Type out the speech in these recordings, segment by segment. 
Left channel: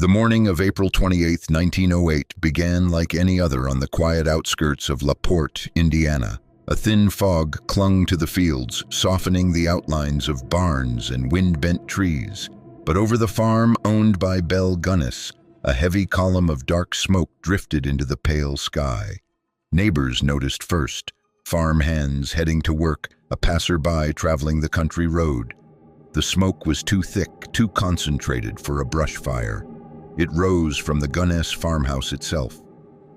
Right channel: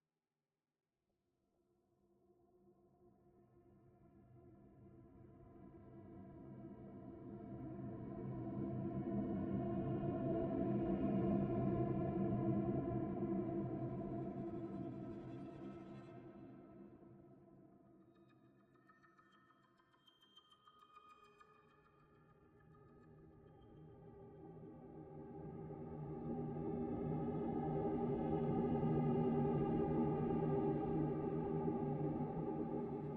The morning of April 28, 1908 began like any other on the quiet outskirts of La Porte, Indiana. A thin fog clung to the fields, softening the outlines of barns and wind-bent trees. But over the farm owned by Belle Gunness, a heavy column of dark smoke drifted into the pale sky. Neighbors noticed first, farm hands heading to work, a passerby traveling the country road. The smoke was too thick, too concentrated for a brush fire. It rose from the Gunness farmhouse itself.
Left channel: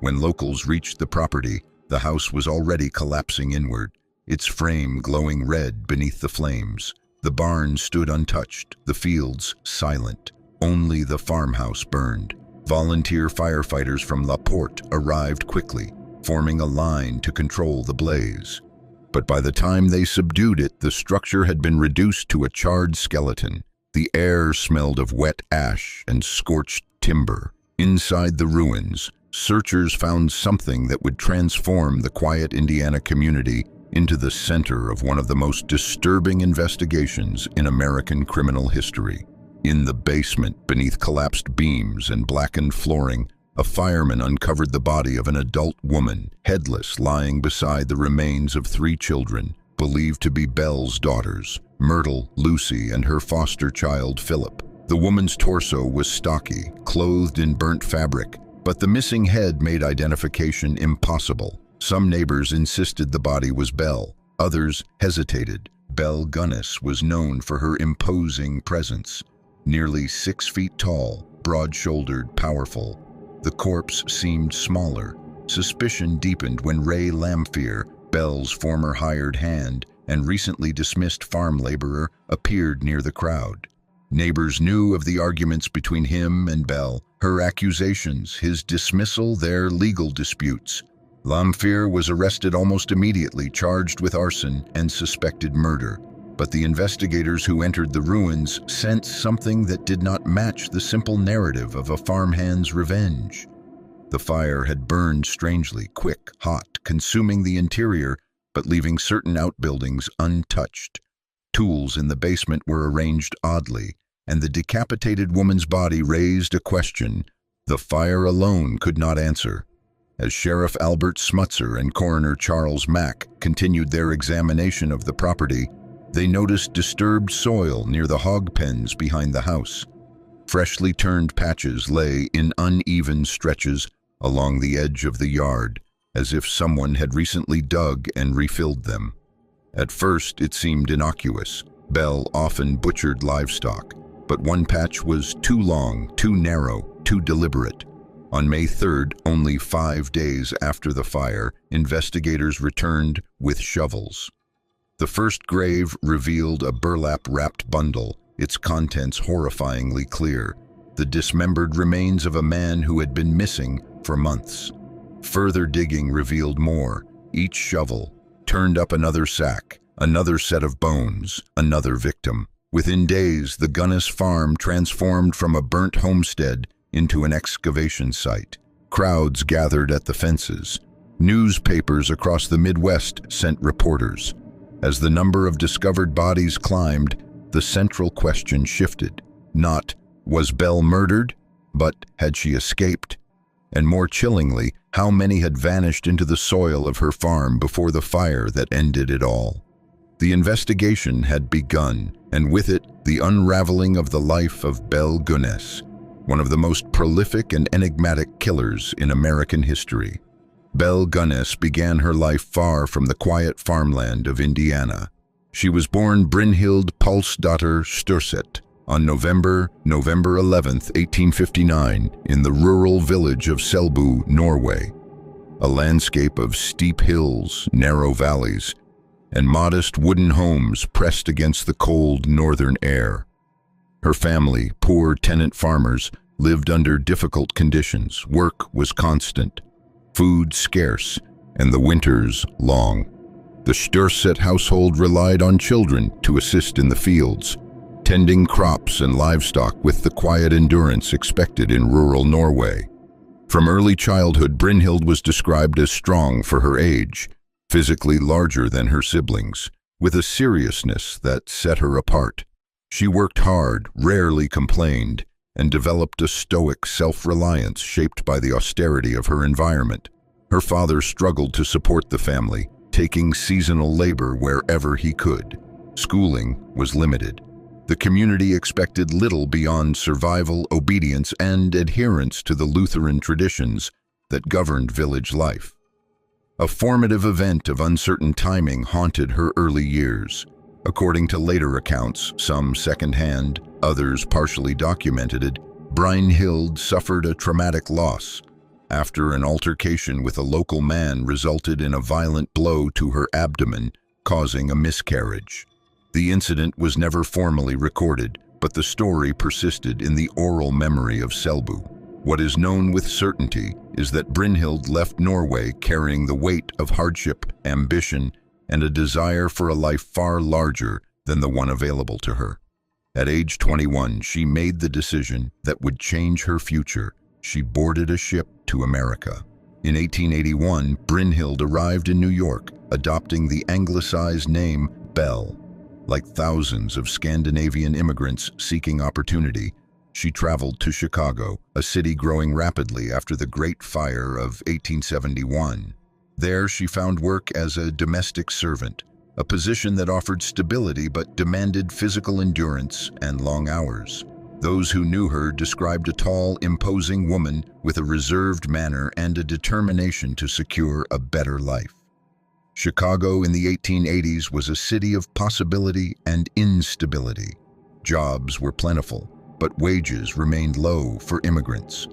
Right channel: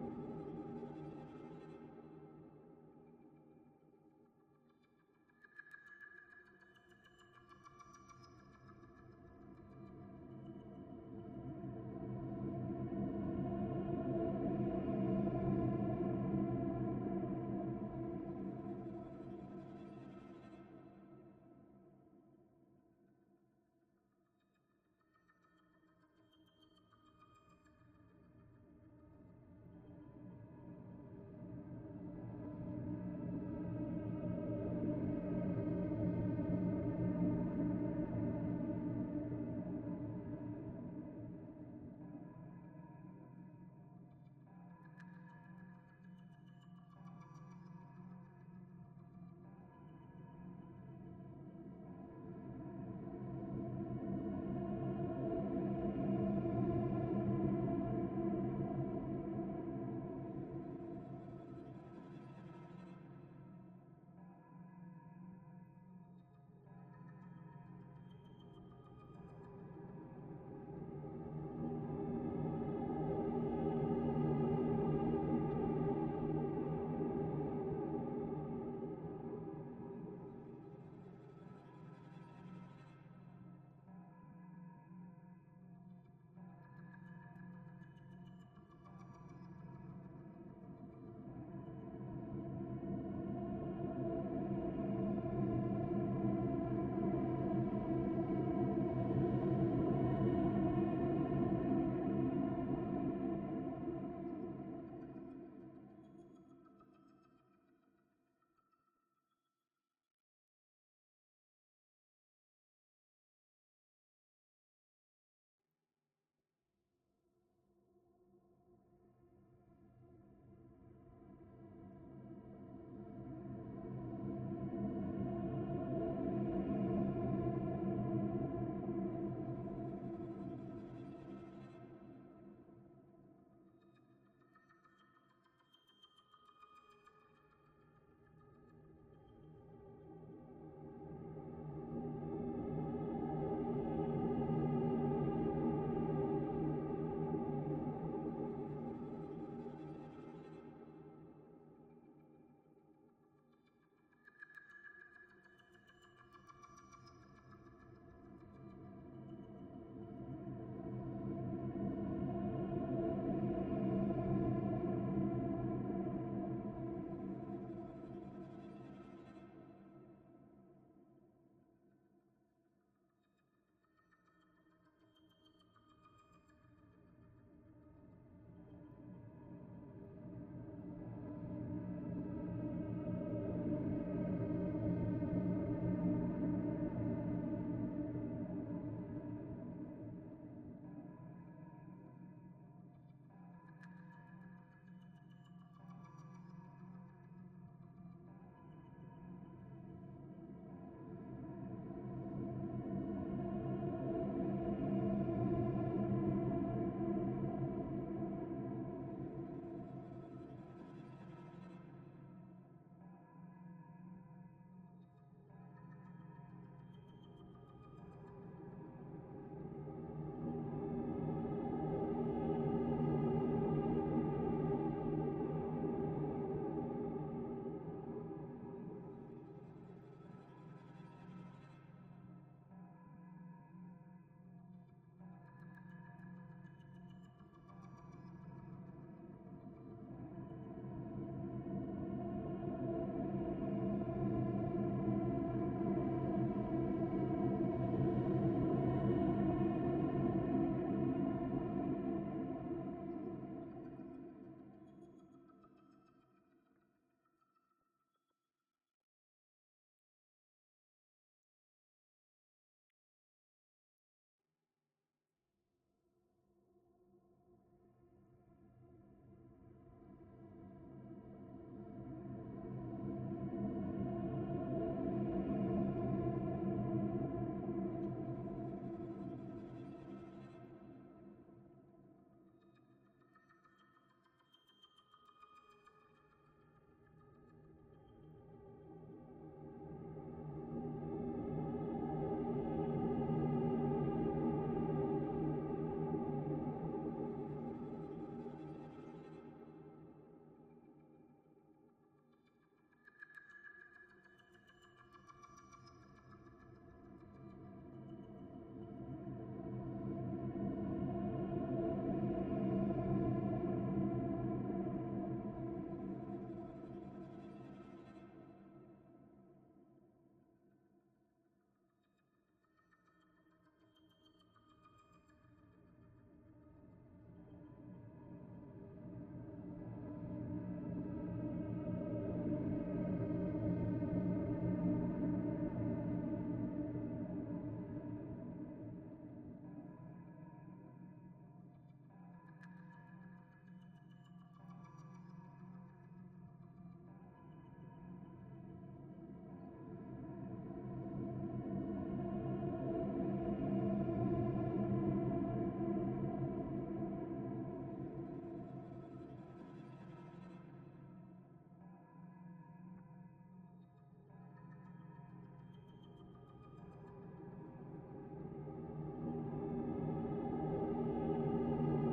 When locals reached the property, the house was already collapsing inward, its frame glowing red beneath the flames. The barn stood untouched, the fields silent. Only the farmhouse burned. Volunteer firefighters from La Porte arrived quickly, forming a line to control the blaze. But by the time they subdued it, the structure had been reduced to a charred skeleton. The air smelled of wet ash and scorched timber. Inside the ruins, searchers found something that would transform the quiet Indiana community into the center of one of the most disturbing investigations in American criminal history. In the basement, beneath collapsed beams and blackened flooring, a fireman uncovered the body of an adult woman, headless, lying beside the remains of 3 children, believed to be Belle's daughters, Myrtle, Lucy, and her foster child, Philip. The woman's torso was stocky, clothed in burnt fabric, but the missing head made identification impossible. Some neighbors insisted the body was Belle. Others hesitated. Belle Gunness was known for her imposing presence. Nearly 6 feet tall, broad-shouldered, powerful. The corpse seemed smaller. Suspicion deepened when Ray Lamphere, Belle's former hired hand and recently dismissed farm laborer, appeared near the crowd. Neighbors knew of the arguments between him and Belle, her accusations, his dismissal, their legal disputes. Lamphere was arrested almost immediately, charged with arson and suspected murder. But the investigators who entered the ruins sensed something that did not match the simple narrative of a farmhand's revenge. The fire had burned strangely, quick, hot, consuming the interior, but leaving certain outbuildings untouched. Tools in the basement were arranged oddly, and the decapitated woman's body raised a question the fire alone could not answer. As Sheriff Albert Smutzer and Coroner Charles Mack continued their examination of the property, they noticed disturbed soil near the hog pens behind the house. Freshly turned patches lay in uneven stretches along the edge of the yard, as if someone had recently dug and refilled them. At first, it seemed innocuous. Belle often butchered livestock, but one patch was too long, too narrow, too deliberate. On May 3rd, only 5 days after the fire, investigators returned with shovels. The first grave revealed a burlap-wrapped bundle, its contents horrifyingly clear, the dismembered remains of a man who had been missing for months. Further digging revealed more. Each shovel turned up another sack, another set of bones, another victim. Within days, the Gunness farm transformed from a burnt homestead into an excavation site. Crowds gathered at the fences. Newspapers across the Midwest sent reporters. As the number of discovered bodies climbed, the central question shifted. Not, was Belle murdered, but had she escaped? And more chillingly, how many had vanished into the soil of her farm before the fire that ended it all? The investigation had begun, and with it, the unraveling of the life of Belle Gunness, one of the most prolific and enigmatic killers in American history. Belle Gunness began her life far from the quiet farmland of Indiana. She was born Brynhild Pulsdotter Sturset on November 11, 1859, in the rural village of Selbu, Norway. A landscape of steep hills, narrow valleys, and modest wooden homes pressed against the cold northern air. Her family, poor tenant farmers, lived under difficult conditions. Work was constant, food scarce, and the winters long. The Sturset household relied on children to assist in the fields, tending crops and livestock with the quiet endurance expected in rural Norway. From early childhood, Brynhild was described as strong for her age, physically larger than her siblings, with a seriousness that set her apart. She worked hard, rarely complained, and developed a stoic self-reliance shaped by the austerity of her environment. Her father struggled to support the family, taking seasonal labor wherever he could. Schooling was limited. The community expected little beyond survival, obedience, and adherence to the Lutheran traditions that governed village life. A formative event of uncertain timing haunted her early years. According to later accounts, some second-hand, others partially documented, Brynhild suffered a traumatic loss after an altercation with a local man resulted in a violent blow to her abdomen, causing a miscarriage. The incident was never formally recorded, but the story persisted in the oral memory of Selbu. What is known with certainty is that Brynhild left Norway carrying the weight of hardship, ambition, and a desire for a life far larger than the one available to her. At age 21, she made the decision that would change her future. She boarded a ship to America. In 1881, Brynhild arrived in New York, adopting the anglicized name Belle. Like thousands of Scandinavian immigrants seeking opportunity, she traveled to Chicago, a city growing rapidly after the Great Fire of 1871. There she found work as a domestic servant, a position that offered stability but demanded physical endurance and long hours. Those who knew her described a tall, imposing woman with a reserved manner and a determination to secure a better life. Chicago in the 1880s was a city of possibility and instability. Jobs were plentiful, but wages remained low for immigrants.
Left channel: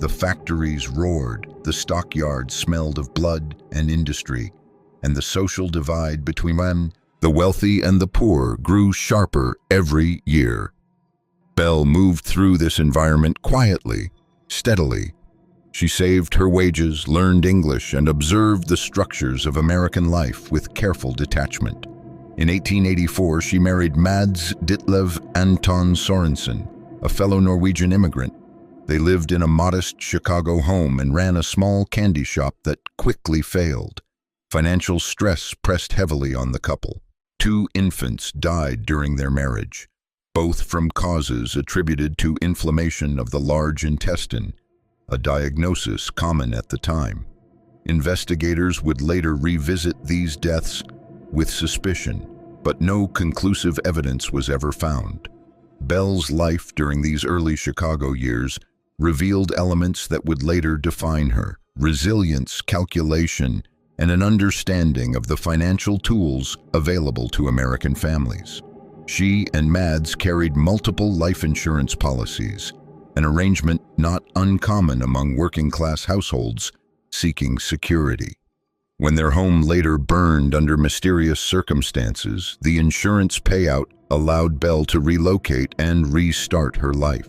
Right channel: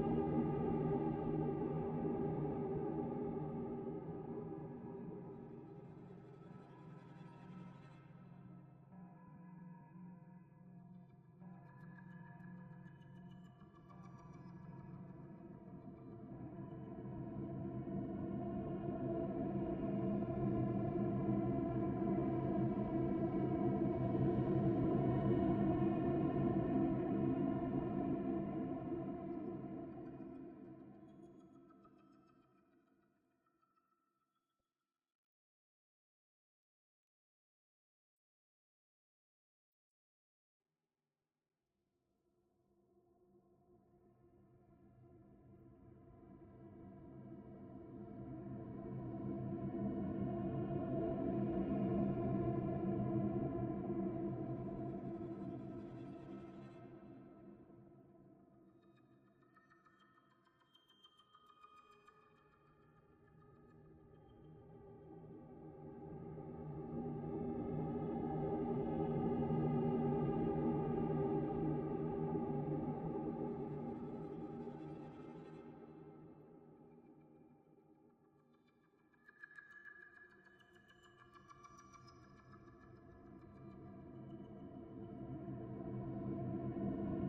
The factories roared, the stockyards smelled of blood and industry, and the social divide between the wealthy and the poor grew sharper every year. Belle moved through this environment quietly, steadily. She saved her wages, learned English, and observed the structures of American life with careful detachment. In 1884, she married Mads Ditlev Anton Sorensen, a fellow Norwegian immigrant. They lived in a modest Chicago home and ran a small candy shop that quickly failed. Financial stress pressed heavily on the couple. 2 infants died during their marriage, both from causes attributed to inflammation of the large intestine, a diagnosis common at the time. Investigators would later revisit these deaths with suspicion, but no conclusive evidence was ever found. Belle's life during these early Chicago years revealed elements that would later define her: resilience, calculation, and an understanding of the financial tools available to American families. She and Mads carried multiple life insurance policies, an arrangement not uncommon among working-class households seeking security. When their home later burned under mysterious circumstances, the insurance payout allowed Belle to relocate and restart her life.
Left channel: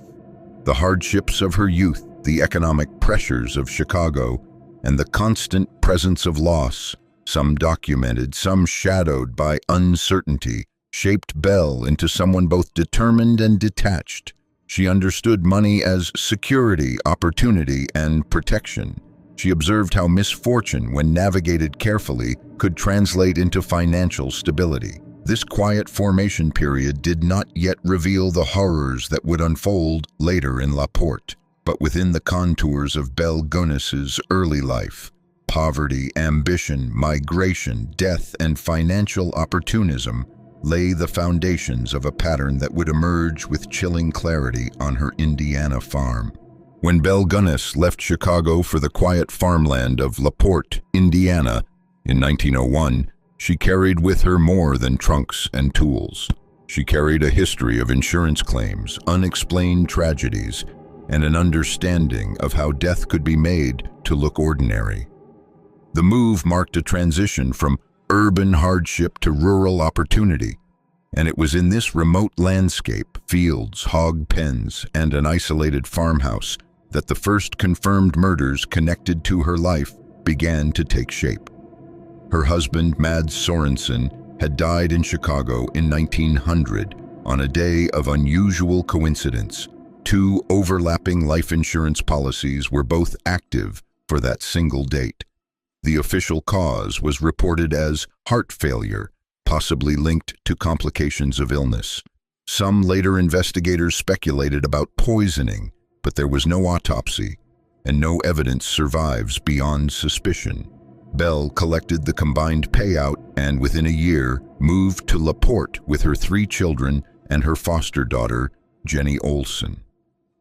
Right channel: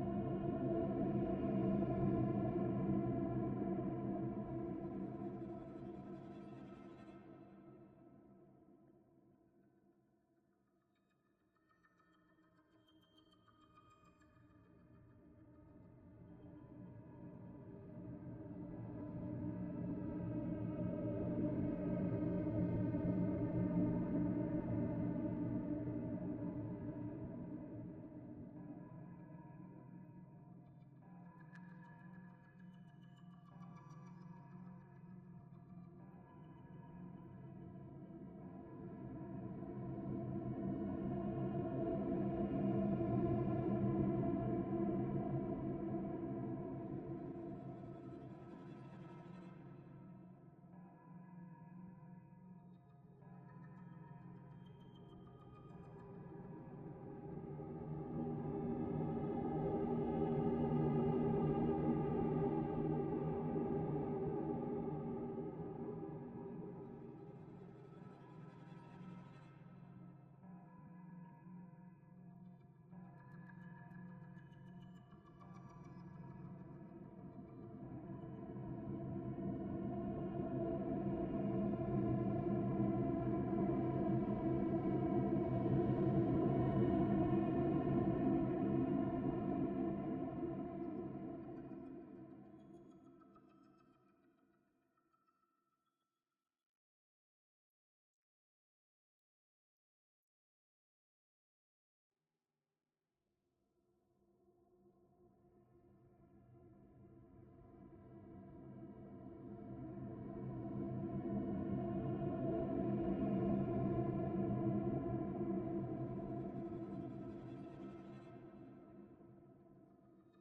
The hardships of her youth, the economic pressures of Chicago, and the constant presence of loss, some documented, some shadowed by uncertainty, shaped Belle into someone both determined and detached. She understood money as security, opportunity, and protection. She observed how misfortune, when navigated carefully, could translate into financial stability. This quiet formation period did not yet reveal the horrors that would unfold later in LaPorte. But within the contours of Belle Gunness's early life, poverty, ambition, migration, death, and financial opportunism lay the foundations of a pattern that would emerge with chilling clarity on her Indiana farm. When Belle Gunness left Chicago for the quiet farmland of LaPorte, Indiana, in 1901, she carried with her more than trunks and tools. She carried a history of insurance claims, unexplained tragedies, and an understanding of how death could be made to look ordinary. The move marked a transition from urban hardship to rural opportunity, and it was in this remote landscape, fields, hog pens, and an isolated farmhouse, that the first confirmed murders connected to her life began to take shape. Her husband, Mads Sorensen, had died in Chicago in 1900 on a day of unusual coincidence. 2 overlapping life insurance policies were both active for that single date. The official cause was reported as heart failure, possibly linked to complications of illness. Some later investigators speculated about poisoning, but there was no autopsy, and no evidence survives beyond suspicion. Belle collected the combined payout and within a year moved to LaPorte with her 3 children and her foster daughter, Jenny Olson.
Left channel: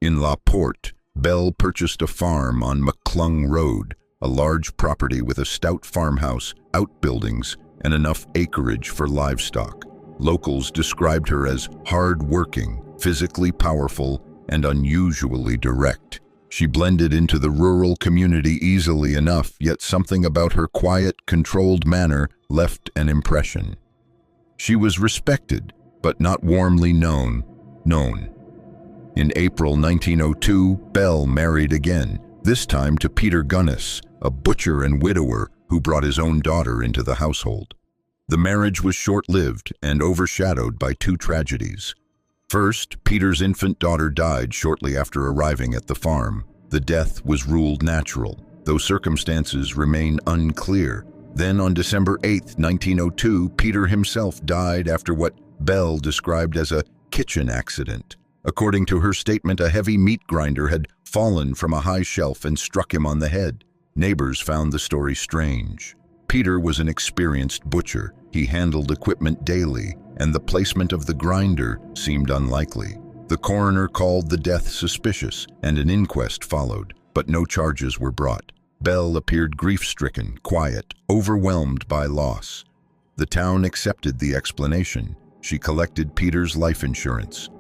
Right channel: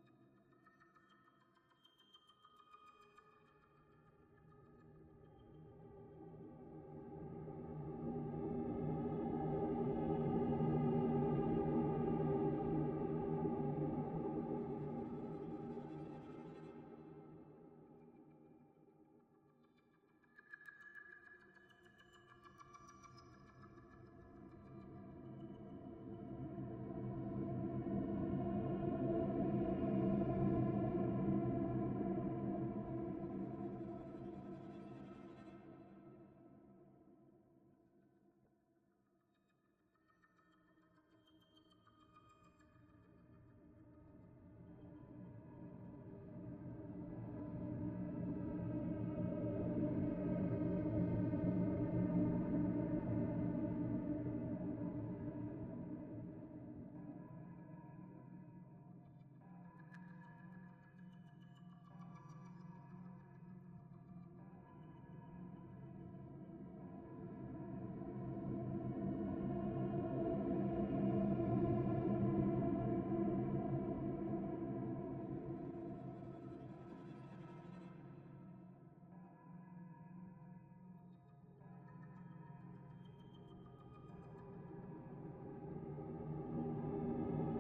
In LaPorte, Belle purchased a farm on McClung Road, a large property with a stout farmhouse, outbuildings, and enough acreage for livestock. Locals described her as hard-working, physically powerful, and unusually direct. She blended into the rural community easily enough, yet something about her quiet, controlled manner left an impression. She was respected, but not warmly known. In April 1902, Belle married again, this time to Peter Gunness, a butcher and widower who brought his own daughter into the household. The marriage was short-lived and overshadowed by 2 tragedies. First, Peter's infant daughter died shortly after arriving at the farm. The death was ruled natural, though circumstances remain unclear. Then on December 8, 1902, Peter himself died after what Belle described as a kitchen accident. According to her statement, a heavy meat grinder had fallen from a high shelf and struck him on the head. Neighbors found the story strange. Peter was an experienced butcher. He handled equipment daily, and the placement of the grinder seemed unlikely. The coroner called the death suspicious, and an inquest followed, but no charges were brought. Belle appeared grief-stricken, quiet, overwhelmed by loss. The town accepted the explanation. She collected Peter's life insurance.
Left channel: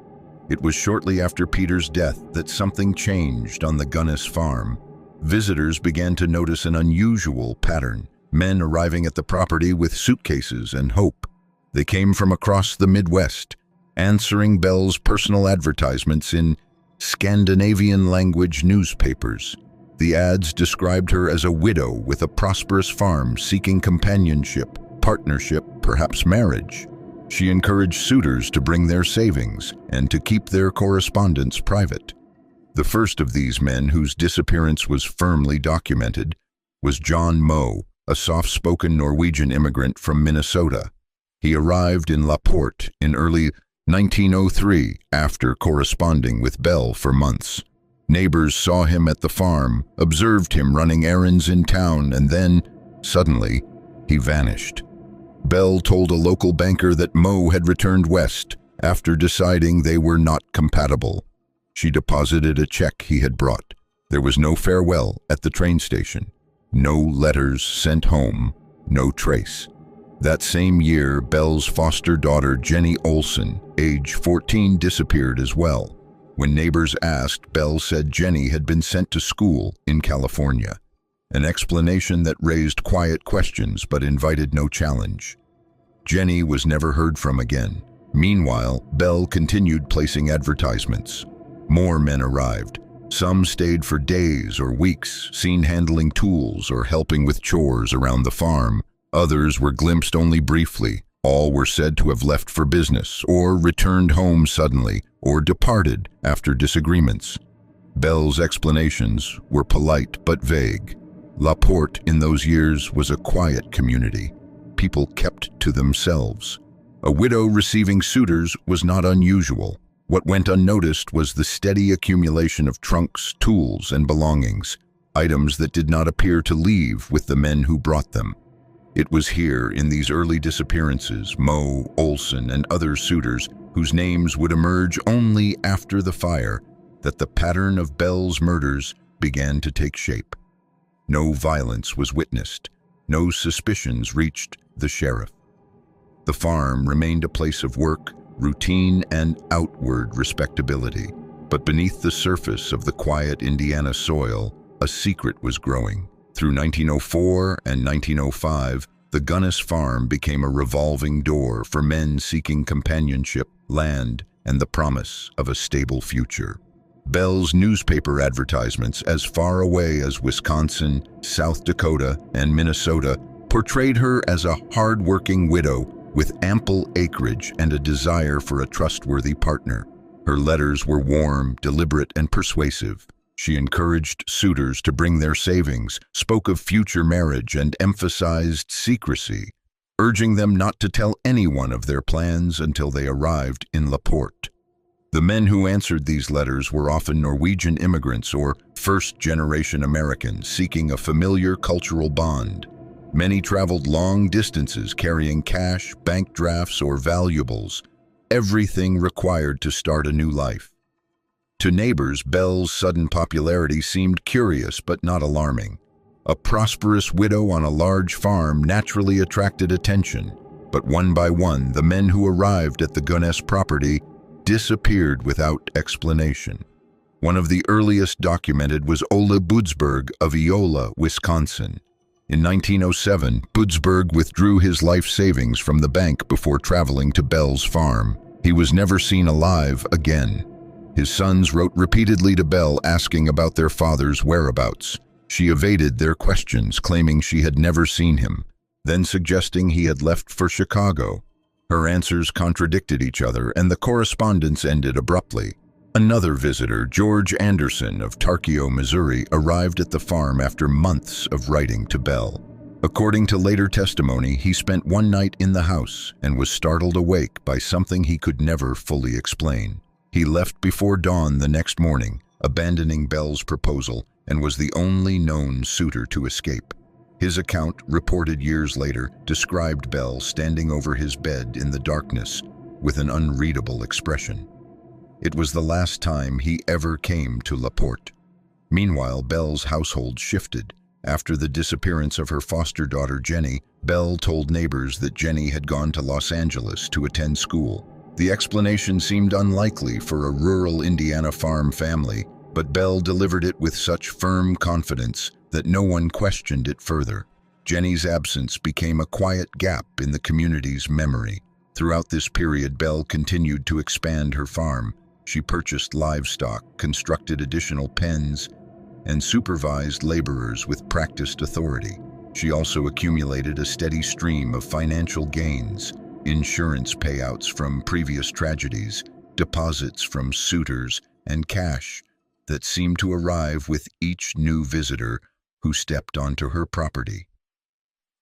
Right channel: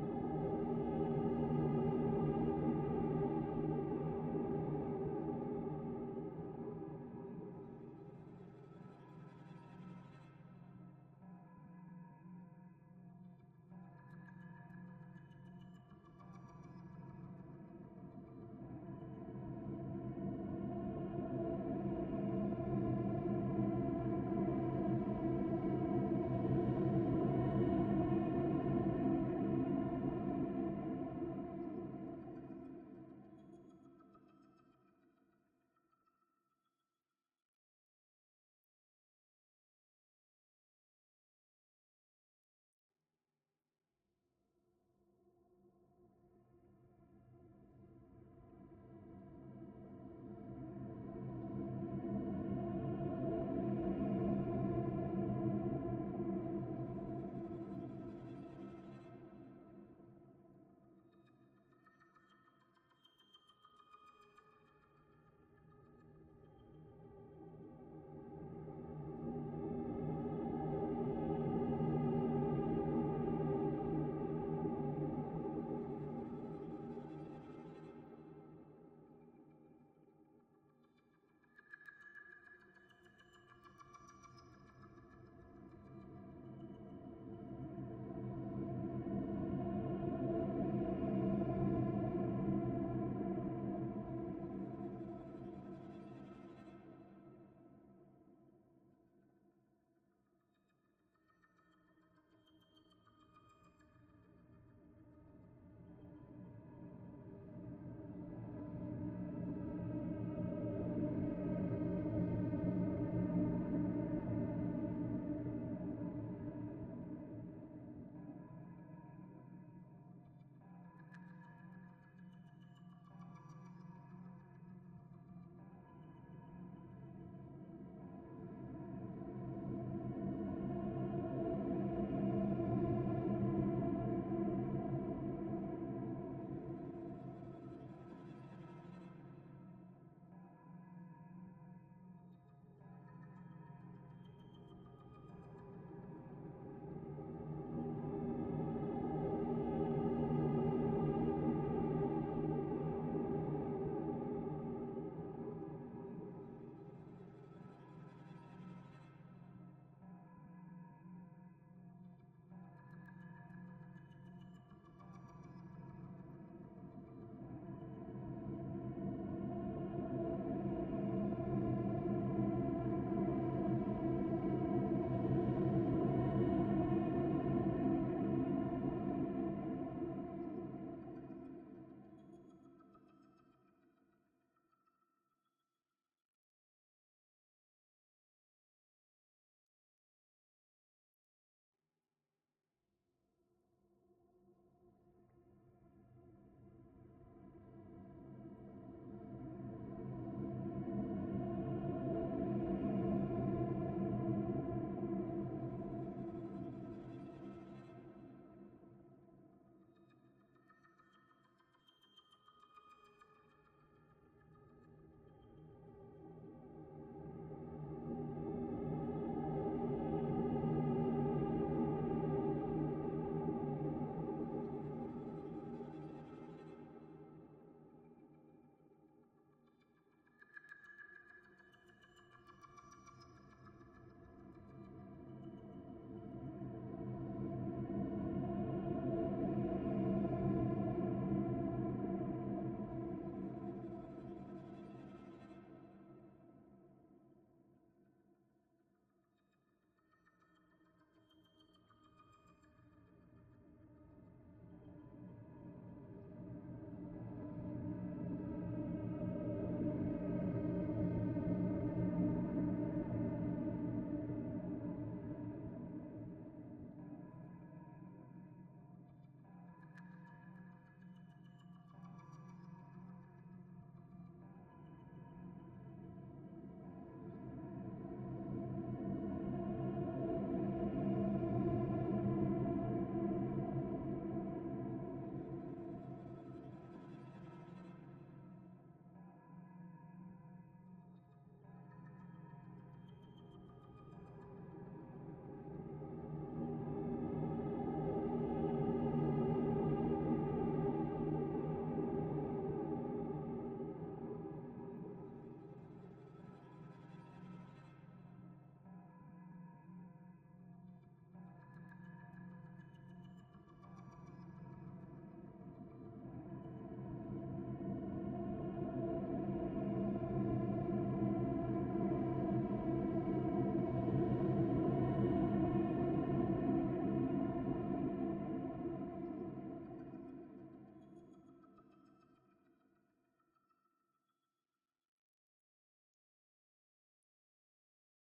It was shortly after Peter's death that something changed on the Gunness farm. Visitors began to notice an unusual pattern. Men arriving at the property with suitcases and hope. They came from across the Midwest, answering Belle's personal advertisements in Scandinavian-language newspapers. The ads described her as a widow with a prosperous farm seeking companionship, partnership, perhaps marriage. She encouraged suitors to bring their savings and to keep their correspondence private. The first of these men, whose disappearance was firmly documented, was John Moe, a soft-spoken Norwegian immigrant from Minnesota. He arrived in LaPorte in early 1903 after corresponding with Belle for months. Neighbors saw him at the farm, observed him running errands in town, and then, suddenly, he vanished. Belle told a local banker that Moe had returned west after deciding they were not compatible. She deposited a check he had brought. There was no farewell at the train station. No letters sent home, no trace. That same year, Belle's foster daughter, Jenny Olson, age 14, disappeared as well. When neighbors asked, Belle said Jenny had been sent to school in California. An explanation that raised quiet questions but invited no challenge. Jenny was never heard from again. Meanwhile, Belle continued placing advertisements. More men arrived. Some stayed for days or weeks, seen handling tools or helping with chores around the farm. Others were glimpsed only briefly. All were said to have left for business, or returned home suddenly, or departed after disagreements. Belle's explanations were polite but vague. LaPorte in those years was a quiet community. People kept to themselves. A widow receiving suitors was not unusual. What went unnoticed was the steady accumulation of trunks, tools, and belongings, items that did not appear to leave with the men who brought them. It was here, in these early disappearances, Moe, Olson, and other suitors, whose names would emerge only after the fire, that the pattern of Belle's murders began to take shape. No violence was witnessed. No suspicions reached the sheriff. The farm remained a place of work, routine, and outward respectability. But beneath the surface of the quiet Indiana soil, a secret was growing. Through 1904 and 1905, the Gunness farm became a revolving door for men seeking companionship, land, and the promise of a stable future. Belle's newspaper advertisements, as far away as Wisconsin, South Dakota, and Minnesota, portrayed her as a hard-working widow with ample acreage and a desire for a trustworthy partner. Her letters were warm, deliberate, and persuasive. She encouraged suitors to bring their savings, spoke of future marriage, and emphasized secrecy. urging them not to tell anyone of their plans until they arrived in Laporte. The men who answered these letters were often Norwegian immigrants or first-generation Americans seeking a familiar cultural bond. Many traveled long distances carrying cash, bank drafts, or valuables, everything required to start a new life. To neighbors, Belle's sudden popularity seemed curious but not alarming. A prosperous widow on a large farm naturally attracted attention, but one by one, the men who arrived at the Gunness property disappeared without explanation. One of the earliest documented was Ole Budsberg of Iola, Wisconsin. In 1907, Budsberg withdrew his life savings from the bank before traveling to Belle's farm. He was never seen alive again. His sons wrote repeatedly to Belle asking about their father's whereabouts. She evaded their questions, claiming she had never seen him, then suggesting he had left for Chicago. Her answers contradicted each other, and the correspondence ended abruptly. Another visitor, George Anderson of Tarkio, Missouri, arrived at the farm after months of writing to Belle. According to later testimony, he spent one night in the house and was startled awake by something he could never fully explain. He left before dawn the next morning, abandoning Belle's proposal, and was the only known suitor to escape. His account, reported years later, described Belle standing over his bed in the darkness with an unreadable expression. It was the last time he ever came to Laporte. Meanwhile, Belle's household shifted. After the disappearance of her foster daughter Jenny, Belle told neighbors that Jenny had gone to Los Angeles to attend school. The explanation seemed unlikely for a rural Indiana farm family, but Belle delivered it with such firm confidence that no one questioned it further. Jenny's absence became a quiet gap in the community's memory. Throughout this period, Belle continued to expand her farm. She purchased livestock, constructed additional pens, and supervised laborers with practiced authority. She also accumulated a steady stream of financial gains, insurance payouts from previous tragedies, deposits from suitors, and cash that seemed to arrive with each new visitor who stepped onto her property.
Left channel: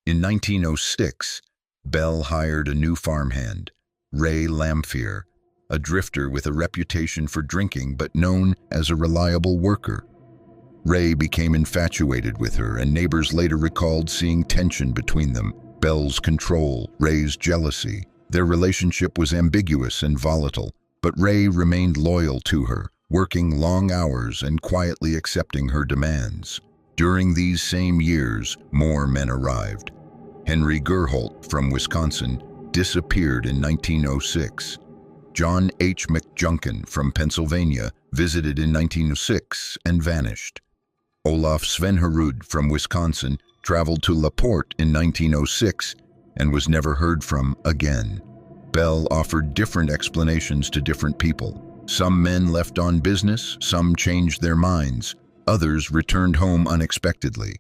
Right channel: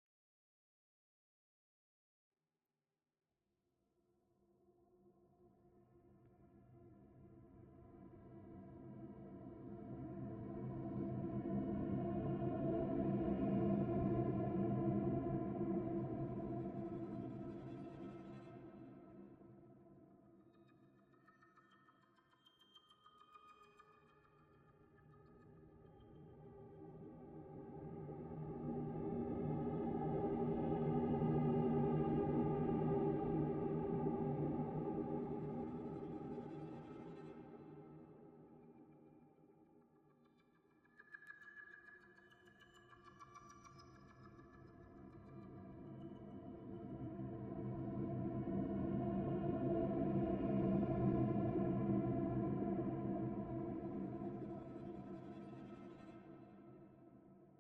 In 1906, Belle hired a new farmhand, Ray Lamphere, a drifter with a reputation for drinking but known as a reliable worker. Ray became infatuated with her, and neighbors later recalled seeing tension between them. Belle's control, Ray's jealousy. Their relationship was ambiguous and volatile, but Ray remained loyal to her, working long hours and quietly accepting her demands. During these same years, more men arrived. Henry Gerholt from Wisconsin disappeared in 1906. John H. McJunkin from Pennsylvania visited in 1906 and vanished. Olaf Svenherud from Wisconsin traveled to Laporte in 1906 and was never heard from again. Belle offered different explanations to different people. Some men left on business, some changed their minds, others returned home unexpectedly.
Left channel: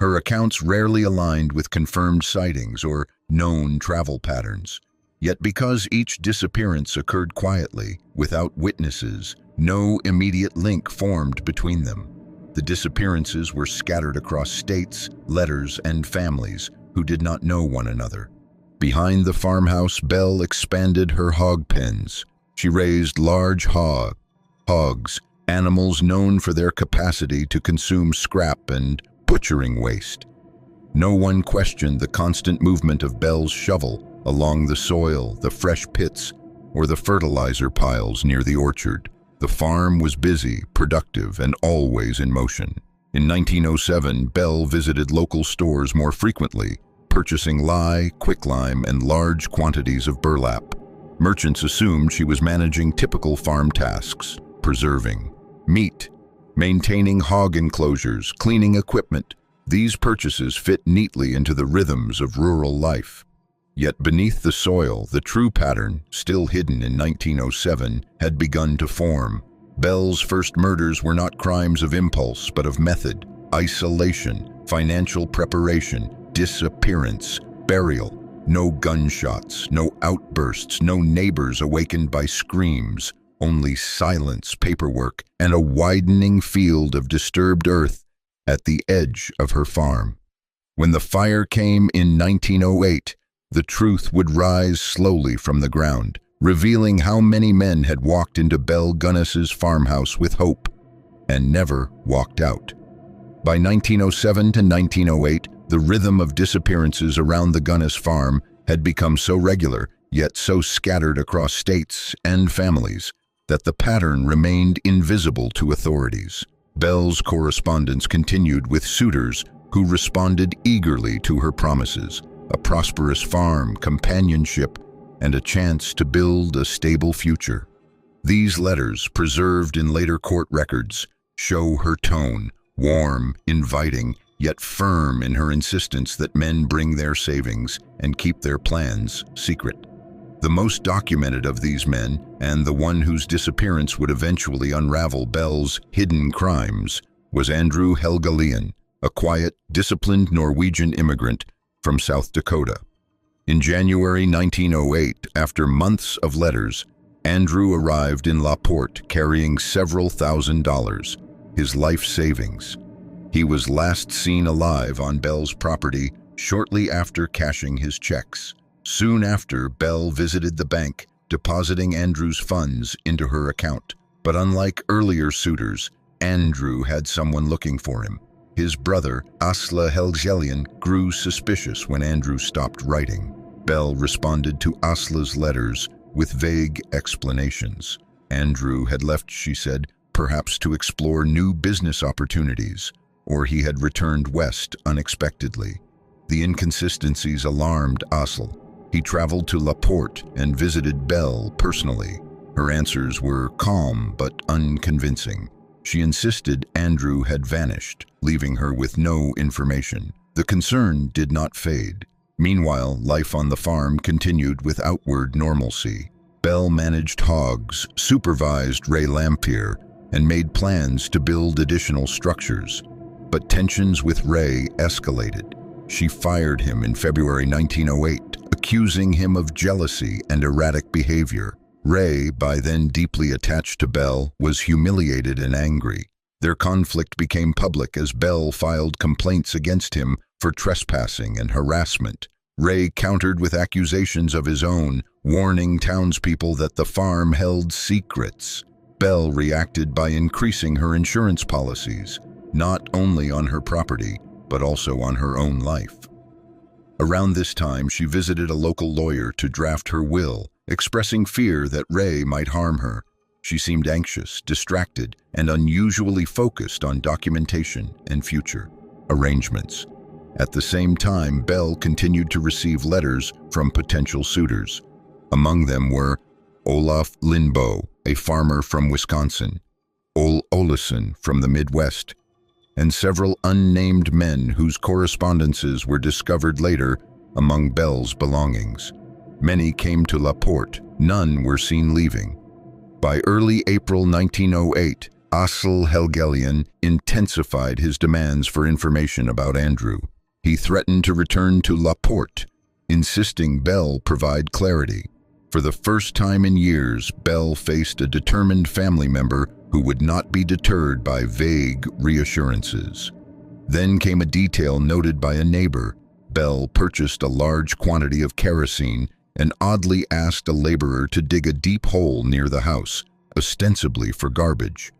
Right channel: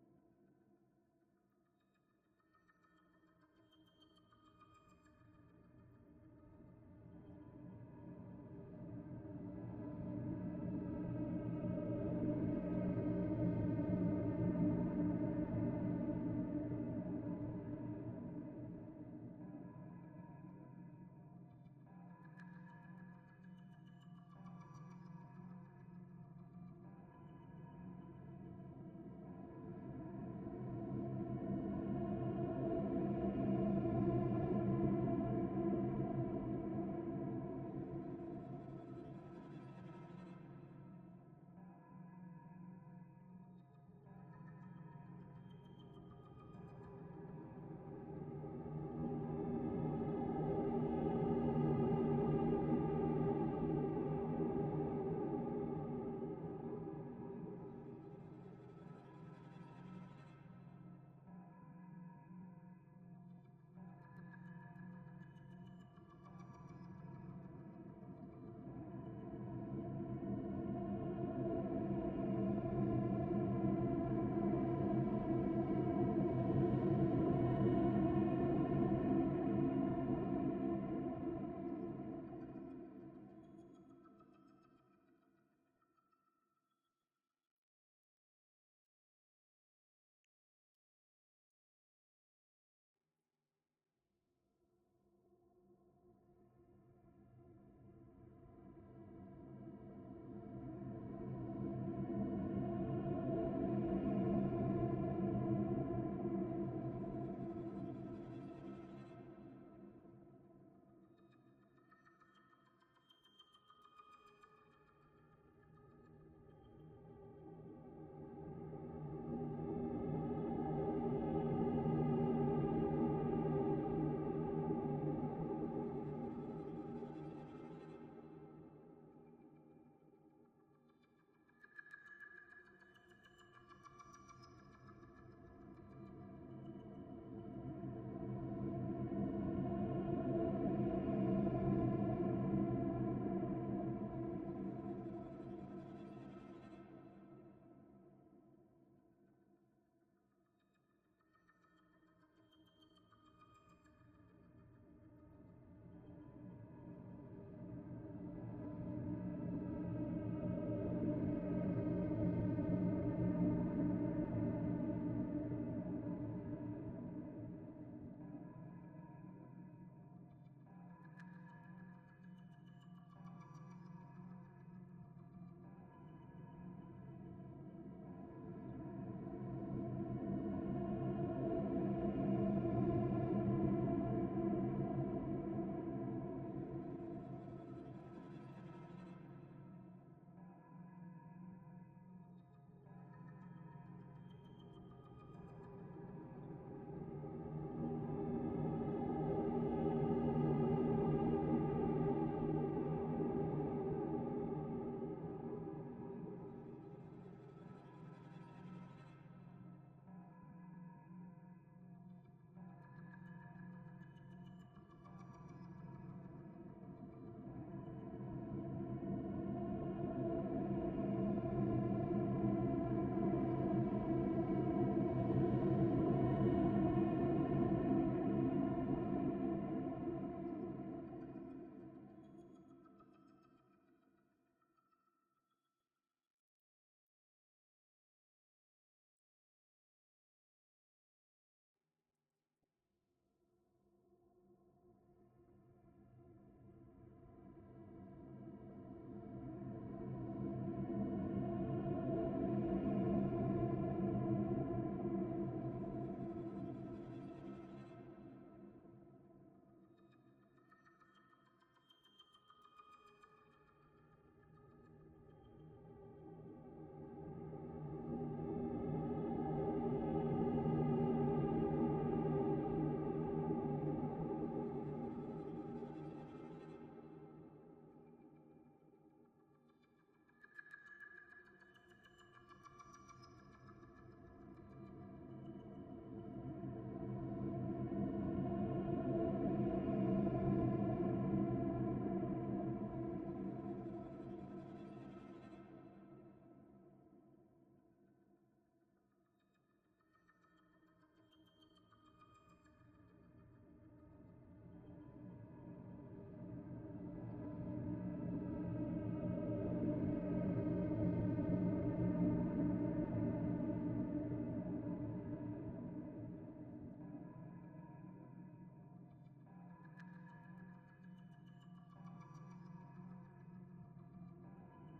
Her accounts rarely aligned with confirmed sightings or known travel patterns. Yet because each disappearance occurred quietly, without witnesses, no immediate link formed between them. The disappearances were scattered across states, letters, and families who did not know one another. Behind the farmhouse, Belle expanded her hog pens. She raised large hogs, animals known for their capacity to consume scrap and butchering waste. No one questioned the constant movement of Belle's shovel along the soil, the fresh pits, or the fertilizer piles near the orchard. The farm was busy, productive, and always in motion. In 1907, Belle visited local stores more frequently, purchasing lye, quicklime, and large quantities of burlap. Merchants assumed she was managing typical farm tasks, preserving meat, maintaining hog enclosures, cleaning equipment. These purchases fit neatly into the rhythms of rural life. Yet beneath the soil, the true pattern, still hidden in 1907, had begun to form. Belle's first murders were not crimes of impulse, but of method, isolation, financial preparation, disappearance, burial. No gunshots, no outbursts, no neighbors awakened by screams, only silence, paperwork, and a widening field of disturbed earth at the edge of her farm. When the fire came in 1908, the truth would rise slowly from the ground, revealing how many men had walked into Belle Gunness's farmhouse with hope and never walked out. By 1907 to 1908, the rhythm of disappearances around the Gunness farm had become so regular, yet so scattered across states and families, that the pattern remained invisible to authorities. Belle's correspondence continued with suitors who responded eagerly to her promises: a prosperous farm, companionship, and a chance to build a stable future. These letters, preserved in later court records, show her tone, warm, inviting, yet firm in her insistence that men bring their savings and keep their plans secret. The most documented of these men, and the one whose disappearance would eventually unravel Belle's hidden crimes, was Andrew Helgelien, a quiet, disciplined Norwegian immigrant from South Dakota. In January 1908, after months of letters, Andrew arrived in La Porte carrying several $1,000s, his life savings. He was last seen alive on Belle's property shortly after cashing his checks. Soon after, Belle visited the bank, depositing Andrew's funds into her account. But unlike earlier suitors, Andrew had someone looking for him. His brother, Asle Helgelien, grew suspicious when Andrew stopped writing. Belle responded to Asle's letters with vague explanations. Andrew had left, she said, perhaps to explore new business opportunities, or he had returned west unexpectedly. The inconsistencies alarmed Asle. He traveled to La Porte and visited Belle personally. Her answers were calm but unconvincing. She insisted Andrew had vanished, leaving her with no information. The concern did not fade. Meanwhile, life on the farm continued with outward normalcy. Belle managed hogs, supervised Ray Lamphere, and made plans to build additional structures. But tensions with Ray escalated. She fired him in February 1908, accusing him of jealousy and erratic behavior. Ray, by then deeply attached to Belle, was humiliated and angry. Their conflict became public as Belle filed complaints against him for trespassing and harassment. Ray countered with accusations of his own, warning townspeople that the farm held secrets. Belle reacted by increasing her insurance policies, not only on her property, but also on her own life. Around this time, she visited a local lawyer to draft her will, expressing fear that Ray might harm her. She seemed anxious, distracted, and unusually focused on documentation and future arrangements. At the same time, Belle continued to receive letters from potential suitors. Among them were Olaf Lindboe, a farmer from Wisconsin, Ole Olesen from the Midwest, and several unnamed men whose correspondences were discovered later among Belle's belongings. Many came to La Porte. None were seen leaving. By early April 1908, Asle Helgelien intensified his demands for information about Andrew. He threatened to return to La Porte, insisting Belle provide clarity. For the first time in years, Belle faced a determined family member who would not be deterred by vague reassurances. Then came a detail noted by a neighbor. Belle purchased a large quantity of kerosene and oddly asked a laborer to dig a deep hole near the house, ostensibly for garbage.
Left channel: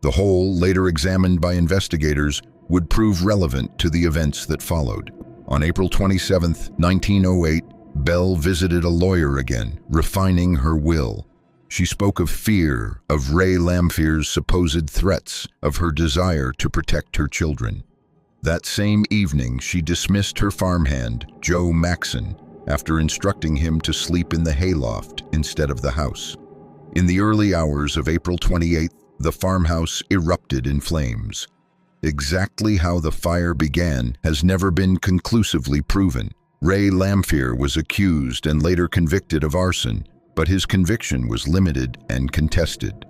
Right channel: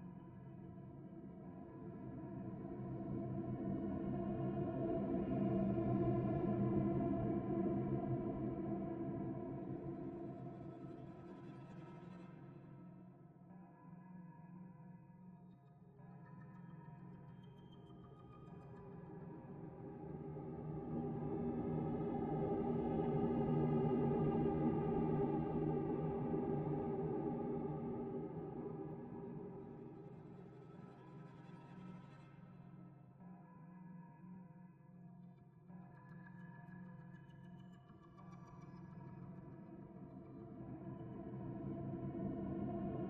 The hole, later examined by investigators, would prove relevant to the events that followed. On April 27, 1908, Belle visited a lawyer again, refining her will. She spoke of fear, of Ray Lamphere's supposed threats, of her desire to protect her children. That same evening, she dismissed her farmhand, Joe Maxon, after instructing him to sleep in the hayloft instead of the house. In the early hours of April 28th, the farmhouse erupted in flames. Exactly how the fire began has never been conclusively proven. Ray Lamphere was accused and later convicted of arson, but his conviction was limited and contested.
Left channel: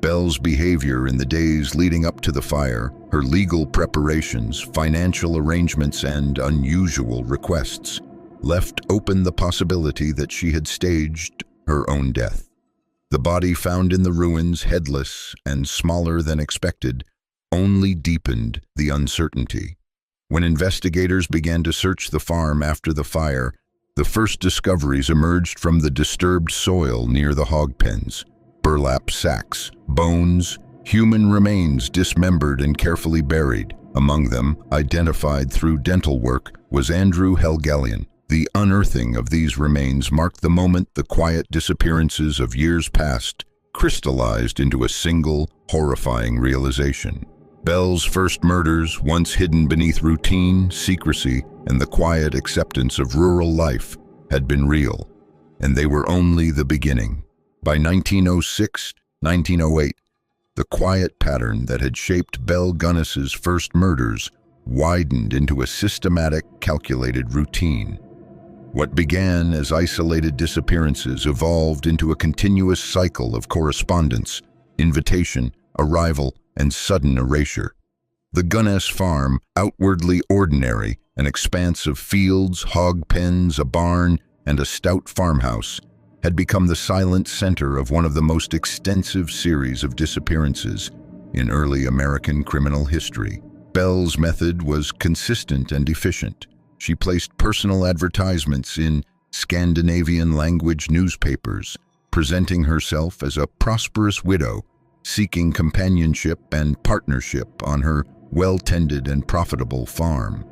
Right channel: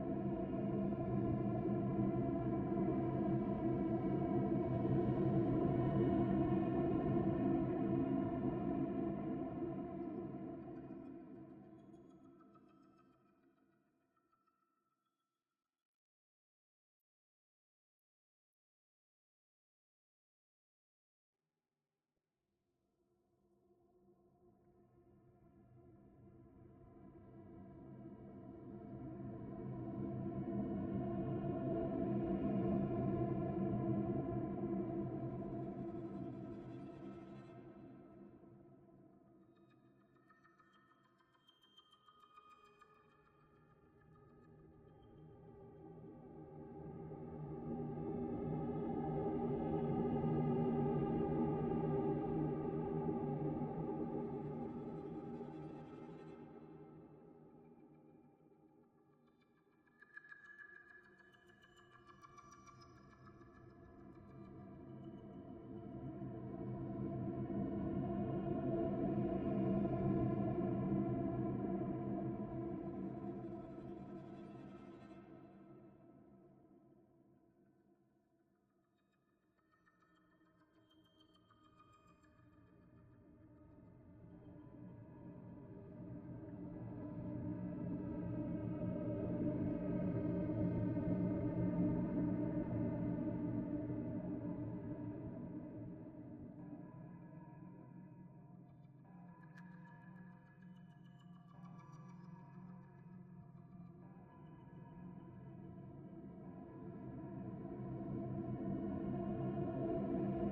Belle's behavior in the days leading up to the fire, her legal preparations, financial arrangements, and unusual requests left open the possibility that she had staged her own death. The body found in the ruins, headless and smaller than expected, only deepened the uncertainty. When investigators began to search the farm after the fire, The first discoveries emerged from the disturbed soil near the hog pens. Burlap sacks, bones, human remains dismembered and carefully buried. Among them, identified through dental work, was Andrew Helgelien. The unearthing of these remains marked the moment the quiet disappearances of years past crystallized into a single, horrifying realization. Belle's first murders, once hidden beneath routine, secrecy, and the quiet acceptance of rural life, had been real, and they were only the beginning. By 1906, 1908, the quiet pattern that had shaped Belle Gunness's first murders widened into a systematic, calculated routine. What began as isolated disappearances evolved into a continuous cycle of correspondence, invitation, arrival, and sudden erasure. The Gunness farm, outwardly ordinary, an expanse of fields, hog pens, a barn, and a stout farmhouse, had become the silent center of one of the most extensive series of disappearances in early American criminal history. Belle's method was consistent and efficient. She placed personal advertisements in Scandinavian-language newspapers, presenting herself as a prosperous widow, seeking companionship and partnership on her well-tended and profitable farm.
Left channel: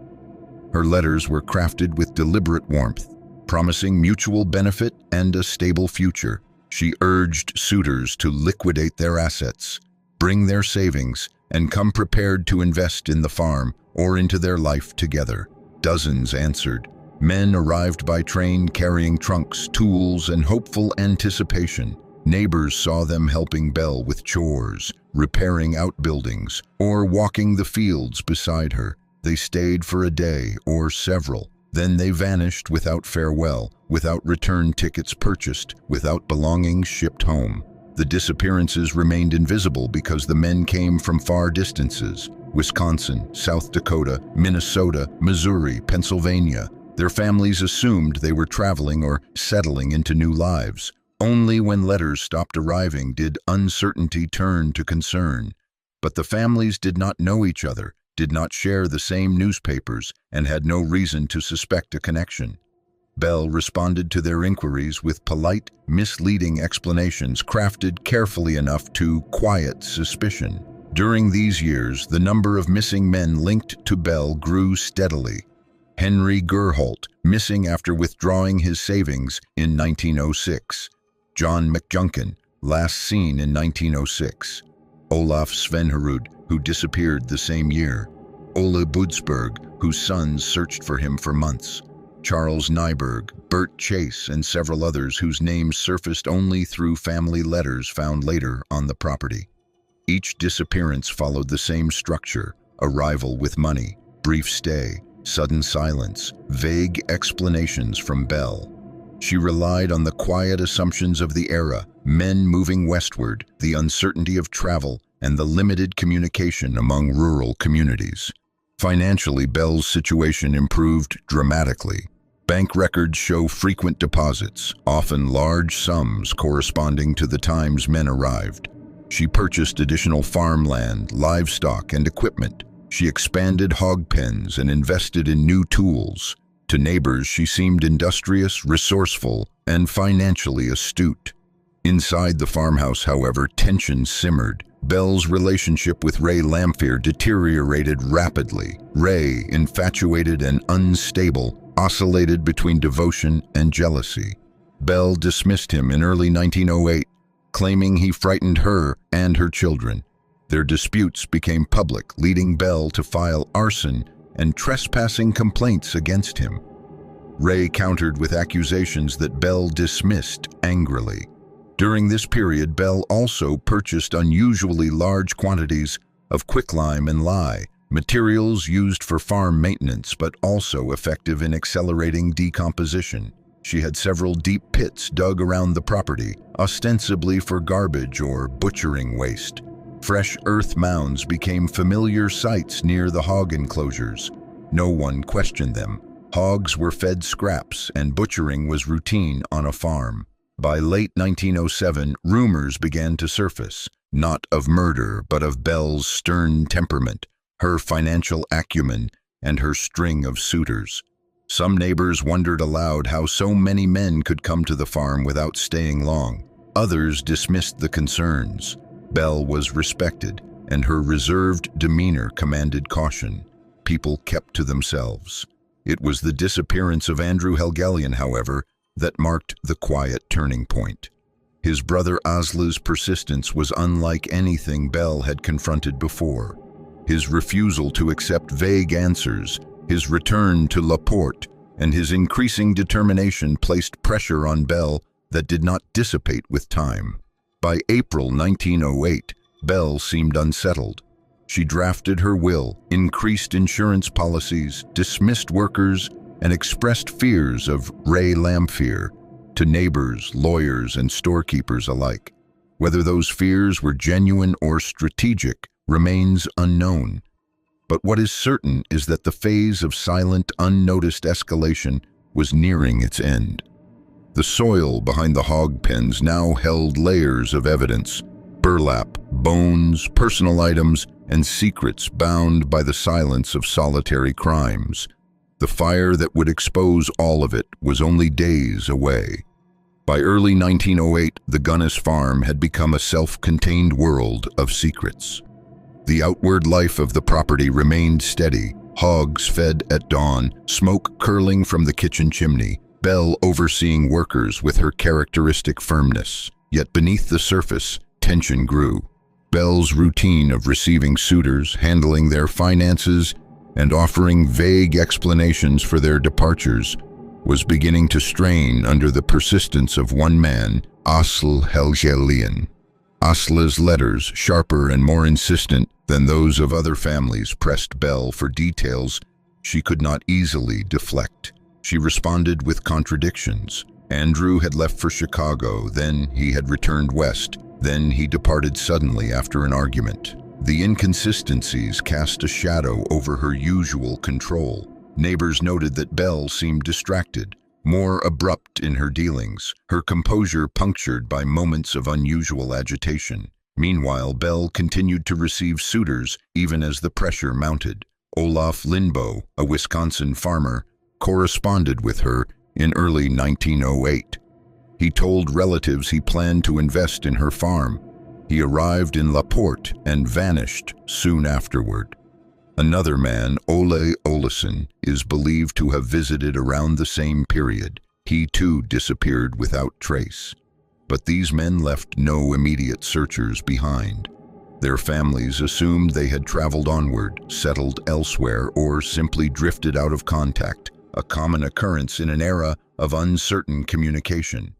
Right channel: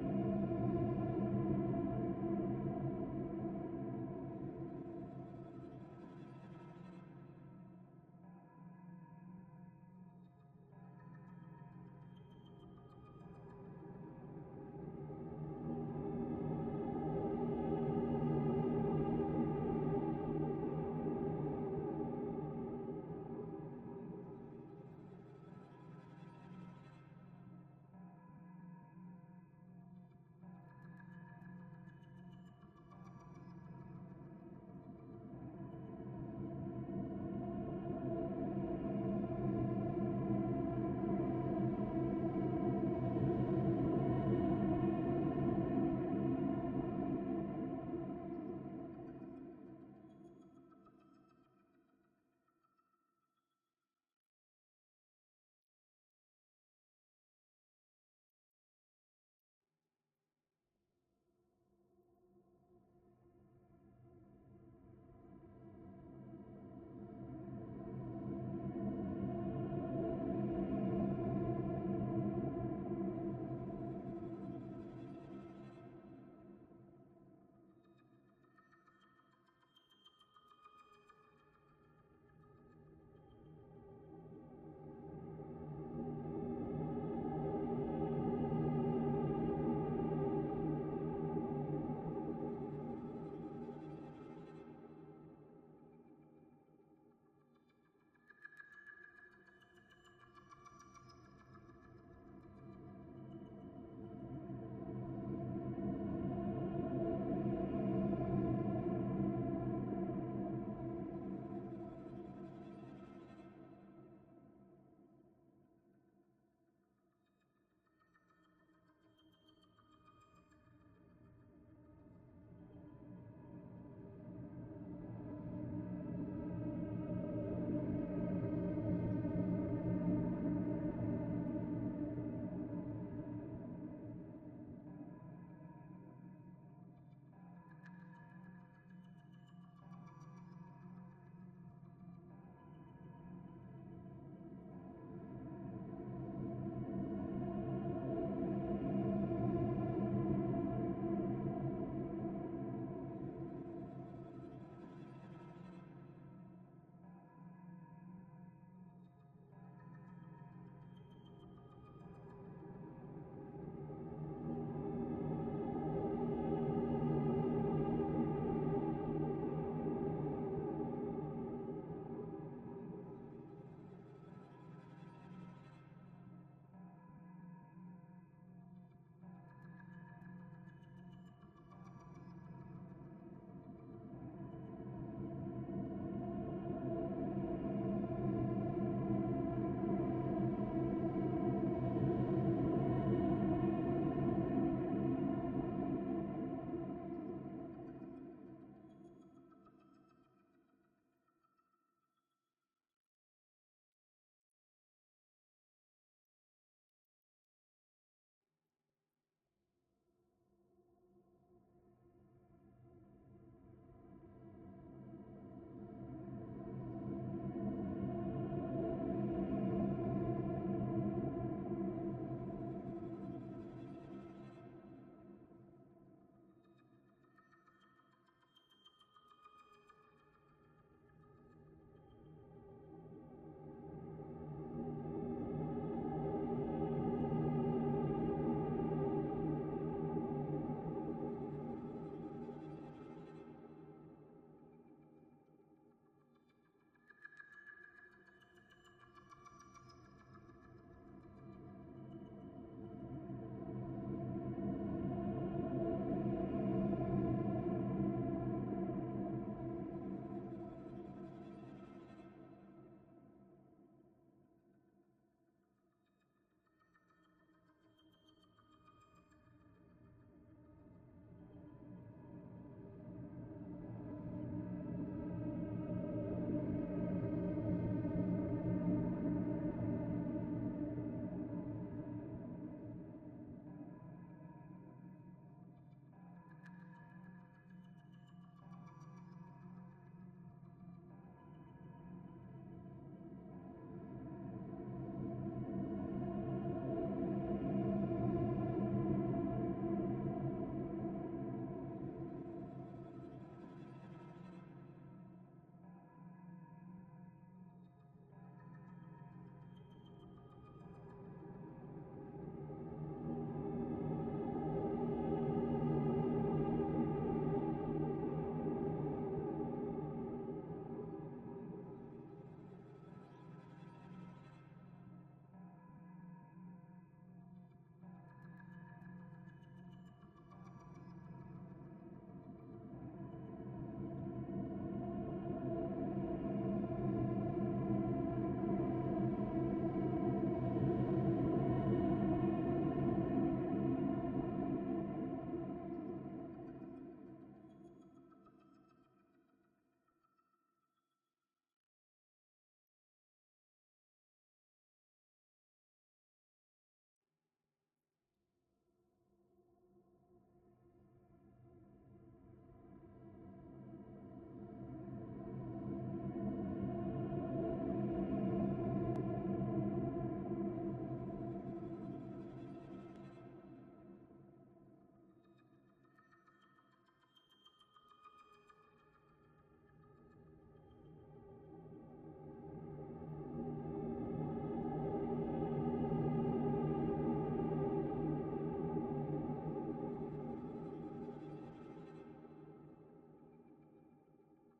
Her letters were crafted with deliberate warmth, promising mutual benefit and a stable future. She urged suitors to liquidate their assets, bring their savings, and come prepared to invest in the farm or into their life together. Dozens answered. Men arrived by train carrying trunks, tools, and hopeful anticipation. Neighbors saw them helping Belle with chores, repairing outbuildings, or walking the fields beside her. They stayed for a day or several. Then they vanished without farewell, without return tickets purchased, without belongings shipped home. The disappearances remained invisible because the men came from far distances: Wisconsin, South Dakota, Minnesota, Missouri, Pennsylvania. Their families assumed they were traveling or settling into new lives. Only when letters stopped arriving did uncertainty turn to concern. But the families did not know each other, did not share the same newspapers, and had no reason to suspect a connection. Belle responded to their inquiries with polite, misleading explanations crafted carefully enough to quiet suspicion. During these years, the number of missing men linked to Belle grew steadily. Henry Gerholt, missing after withdrawing his savings in 1906. John McJunkin, last seen in 1906. Olaf Svenherud, who disappeared the same year. Ole Budsberg, whose sons searched for him for months. Charles Nyberg, Bert Chase, and several others whose names surfaced only through family letters found later on the property. Each disappearance followed the same structure: arrival with money, brief stay, sudden silence, vague explanations from Belle. She relied on the quiet assumptions of the era: men moving westward, the uncertainty of travel, and the limited communication among rural communities. Financially, Belle's situation improved dramatically. Bank records show frequent deposits, often large sums corresponding to the times men arrived. She purchased additional farmland, livestock, and equipment. She expanded hog pens and invested in new tools. To neighbors, she seemed industrious, resourceful, and financially astute. Inside the farmhouse, however, tension simmered. Belle's relationship with Ray Lamphere deteriorated rapidly. Ray, infatuated and unstable, oscillated between devotion and jealousy. Belle dismissed him in early 1908, claiming he frightened her and her children. Their disputes became public, leading Belle to file arson and trespassing complaints against him. Ray countered with accusations that Belle dismissed angrily. During this period, Belle also purchased unusually large quantities of quicklime and lye, materials used for farm maintenance but also effective in accelerating decomposition. She had several deep pits dug around the property, ostensibly for garbage or butchering waste. Fresh earth mounds became familiar sights near the hog enclosures. No one questioned them. Hogs were fed scraps, and butchering was routine on a farm. By late 1907, rumors began to surface, not of murder, but of Belle's stern temperament, her financial acumen, and her string of suitors. Some neighbors wondered aloud how so many men could come to the farm without staying long. Others dismissed the concerns. Belle was respected, and her reserved demeanor commanded caution. People kept to themselves. It was the disappearance of Andrew Helgelien, however, that marked the quiet turning point. His brother Asla's persistence was unlike anything Belle had confronted before. His refusal to accept vague answers, his return to Laporte, and his increasing determination placed pressure on Belle that did not dissipate with time. By April 1908, Belle seemed unsettled. She drafted her will, increased insurance policies, dismissed workers, and expressed fears of Ray Lamphere to neighbors, lawyers, and storekeepers alike. Whether those fears were genuine or strategic remains unknown. But what is certain is that the phase of silent, unnoticed escalation was nearing its end. The soil behind the hog pens now held layers of evidence: burlap, bones, personal items, and secrets bound by the silence of solitary crimes. The fire that would expose all of it was only days away. By early 1908, the Gunness farm had become a self-contained world of secrets. The outward life of the property remained steady. Hogs fed at dawn, smoke curling from the kitchen chimney, Belle overseeing workers with her characteristic firmness. Yet beneath the surface, tension grew. Belle's routine of receiving suitors, handling their finances, and offering vague explanations for their departures was beginning to strain under the persistence of one man, Asl Helgelien. Asla's letters, sharper and more insistent than those of other families, pressed Belle for details she could not easily deflect. She responded with contradictions. Andrew had left for Chicago, then he had returned west, then he departed suddenly after an argument. The inconsistencies cast a shadow over her usual control. Neighbors noted that Belle seemed distracted, more abrupt in her dealings, her composure punctured by moments of unusual agitation. Meanwhile, Belle continued to receive suitors even as the pressure mounted. Olaf Lindboe, a Wisconsin farmer, corresponded with her in early 1908. He told relatives he planned to invest in her farm. He arrived in Laporte and vanished soon afterward. Another man, Ole Olesen, is believed to have visited around the same period. He too disappeared without trace. But these men left no immediate searchers behind. Their families assumed they had traveled onward, settled elsewhere, or simply drifted out of contact, a common occurrence in an era of uncertain communication.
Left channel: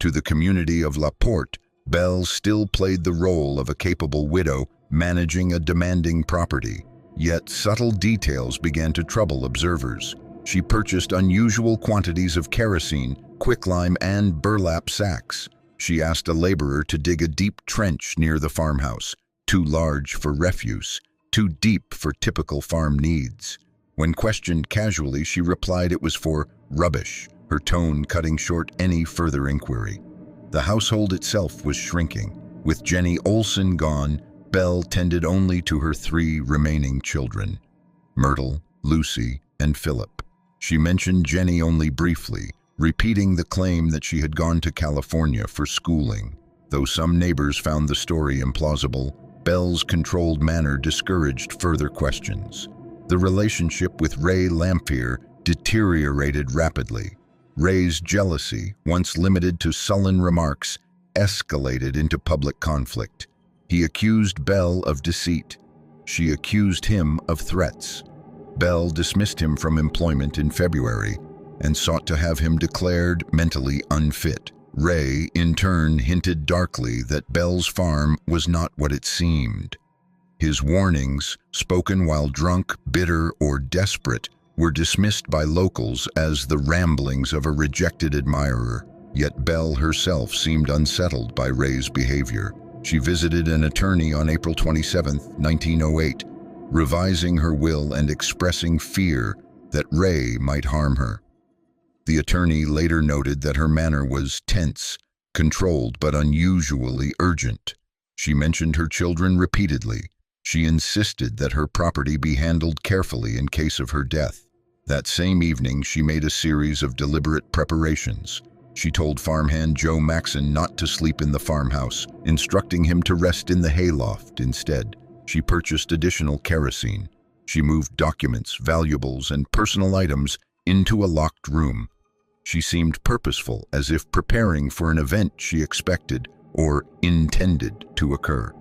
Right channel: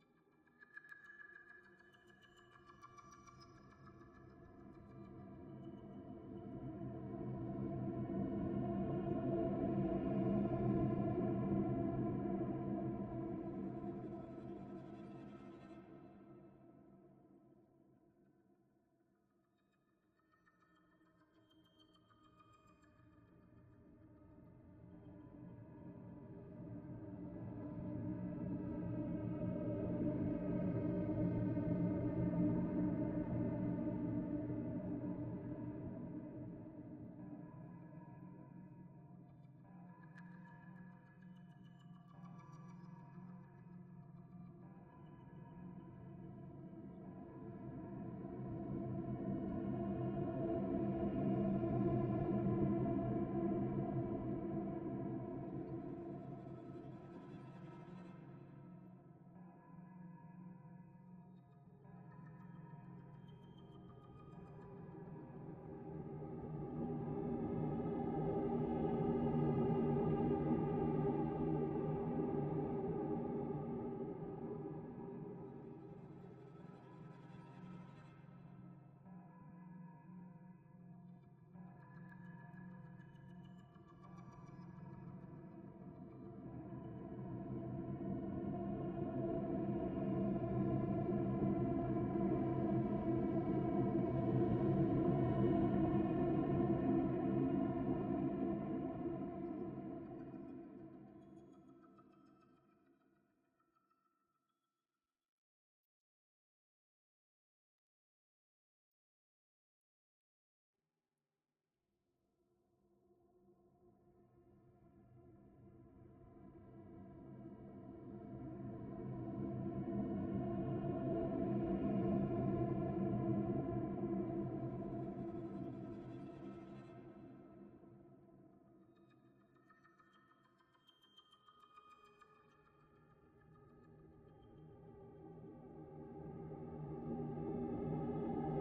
To the community of Laporte, Belle still played the role of a capable widow managing a demanding property. Yet subtle details began to trouble observers. She purchased unusual quantities of kerosene, quicklime, and burlap sacks. She asked a laborer to dig a deep trench near the farmhouse, too large for refuse, too deep for typical farm needs. When questioned casually, she replied it was for rubbish, her tone cutting short any further inquiry. The household itself was shrinking. With Jenny Olsen gone, Belle tended only to her 3 remaining children, Myrtle, Lucy, and Philip. She mentioned Jenny only briefly, repeating the claim that she had gone to California for schooling. Though some neighbors found the story implausible, Belle's controlled manner discouraged further questions. The relationship with Ray Lamphere deteriorated rapidly. Ray's jealousy, once limited to sullen remarks, escalated into public conflict. He accused Belle of deceit. She accused him of threats. Belle dismissed him from employment in February and sought to have him declared mentally unfit. Ray, in turn, hinted darkly that Belle's farm was not what it seemed. His warnings, spoken while drunk, bitter, or desperate, were dismissed by locals as the ramblings of a rejected admirer. Yet Belle herself seemed unsettled by Ray's behavior. She visited an attorney on April 27, 1908, revising her will and expressing fear that Ray might harm her. The attorney later noted that her manner was tense, controlled, but unusually urgent. She mentioned her children repeatedly. She insisted that her property be handled carefully in case of her death. That same evening, she made a series of deliberate preparations. She told farmhand Joe Maxon not to sleep in the farmhouse, instructing him to rest in the hayloft instead. She purchased additional kerosene. She moved documents, valuables, and personal items into a locked room. She seemed purposeful, as if preparing for an event she expected or intended to occur.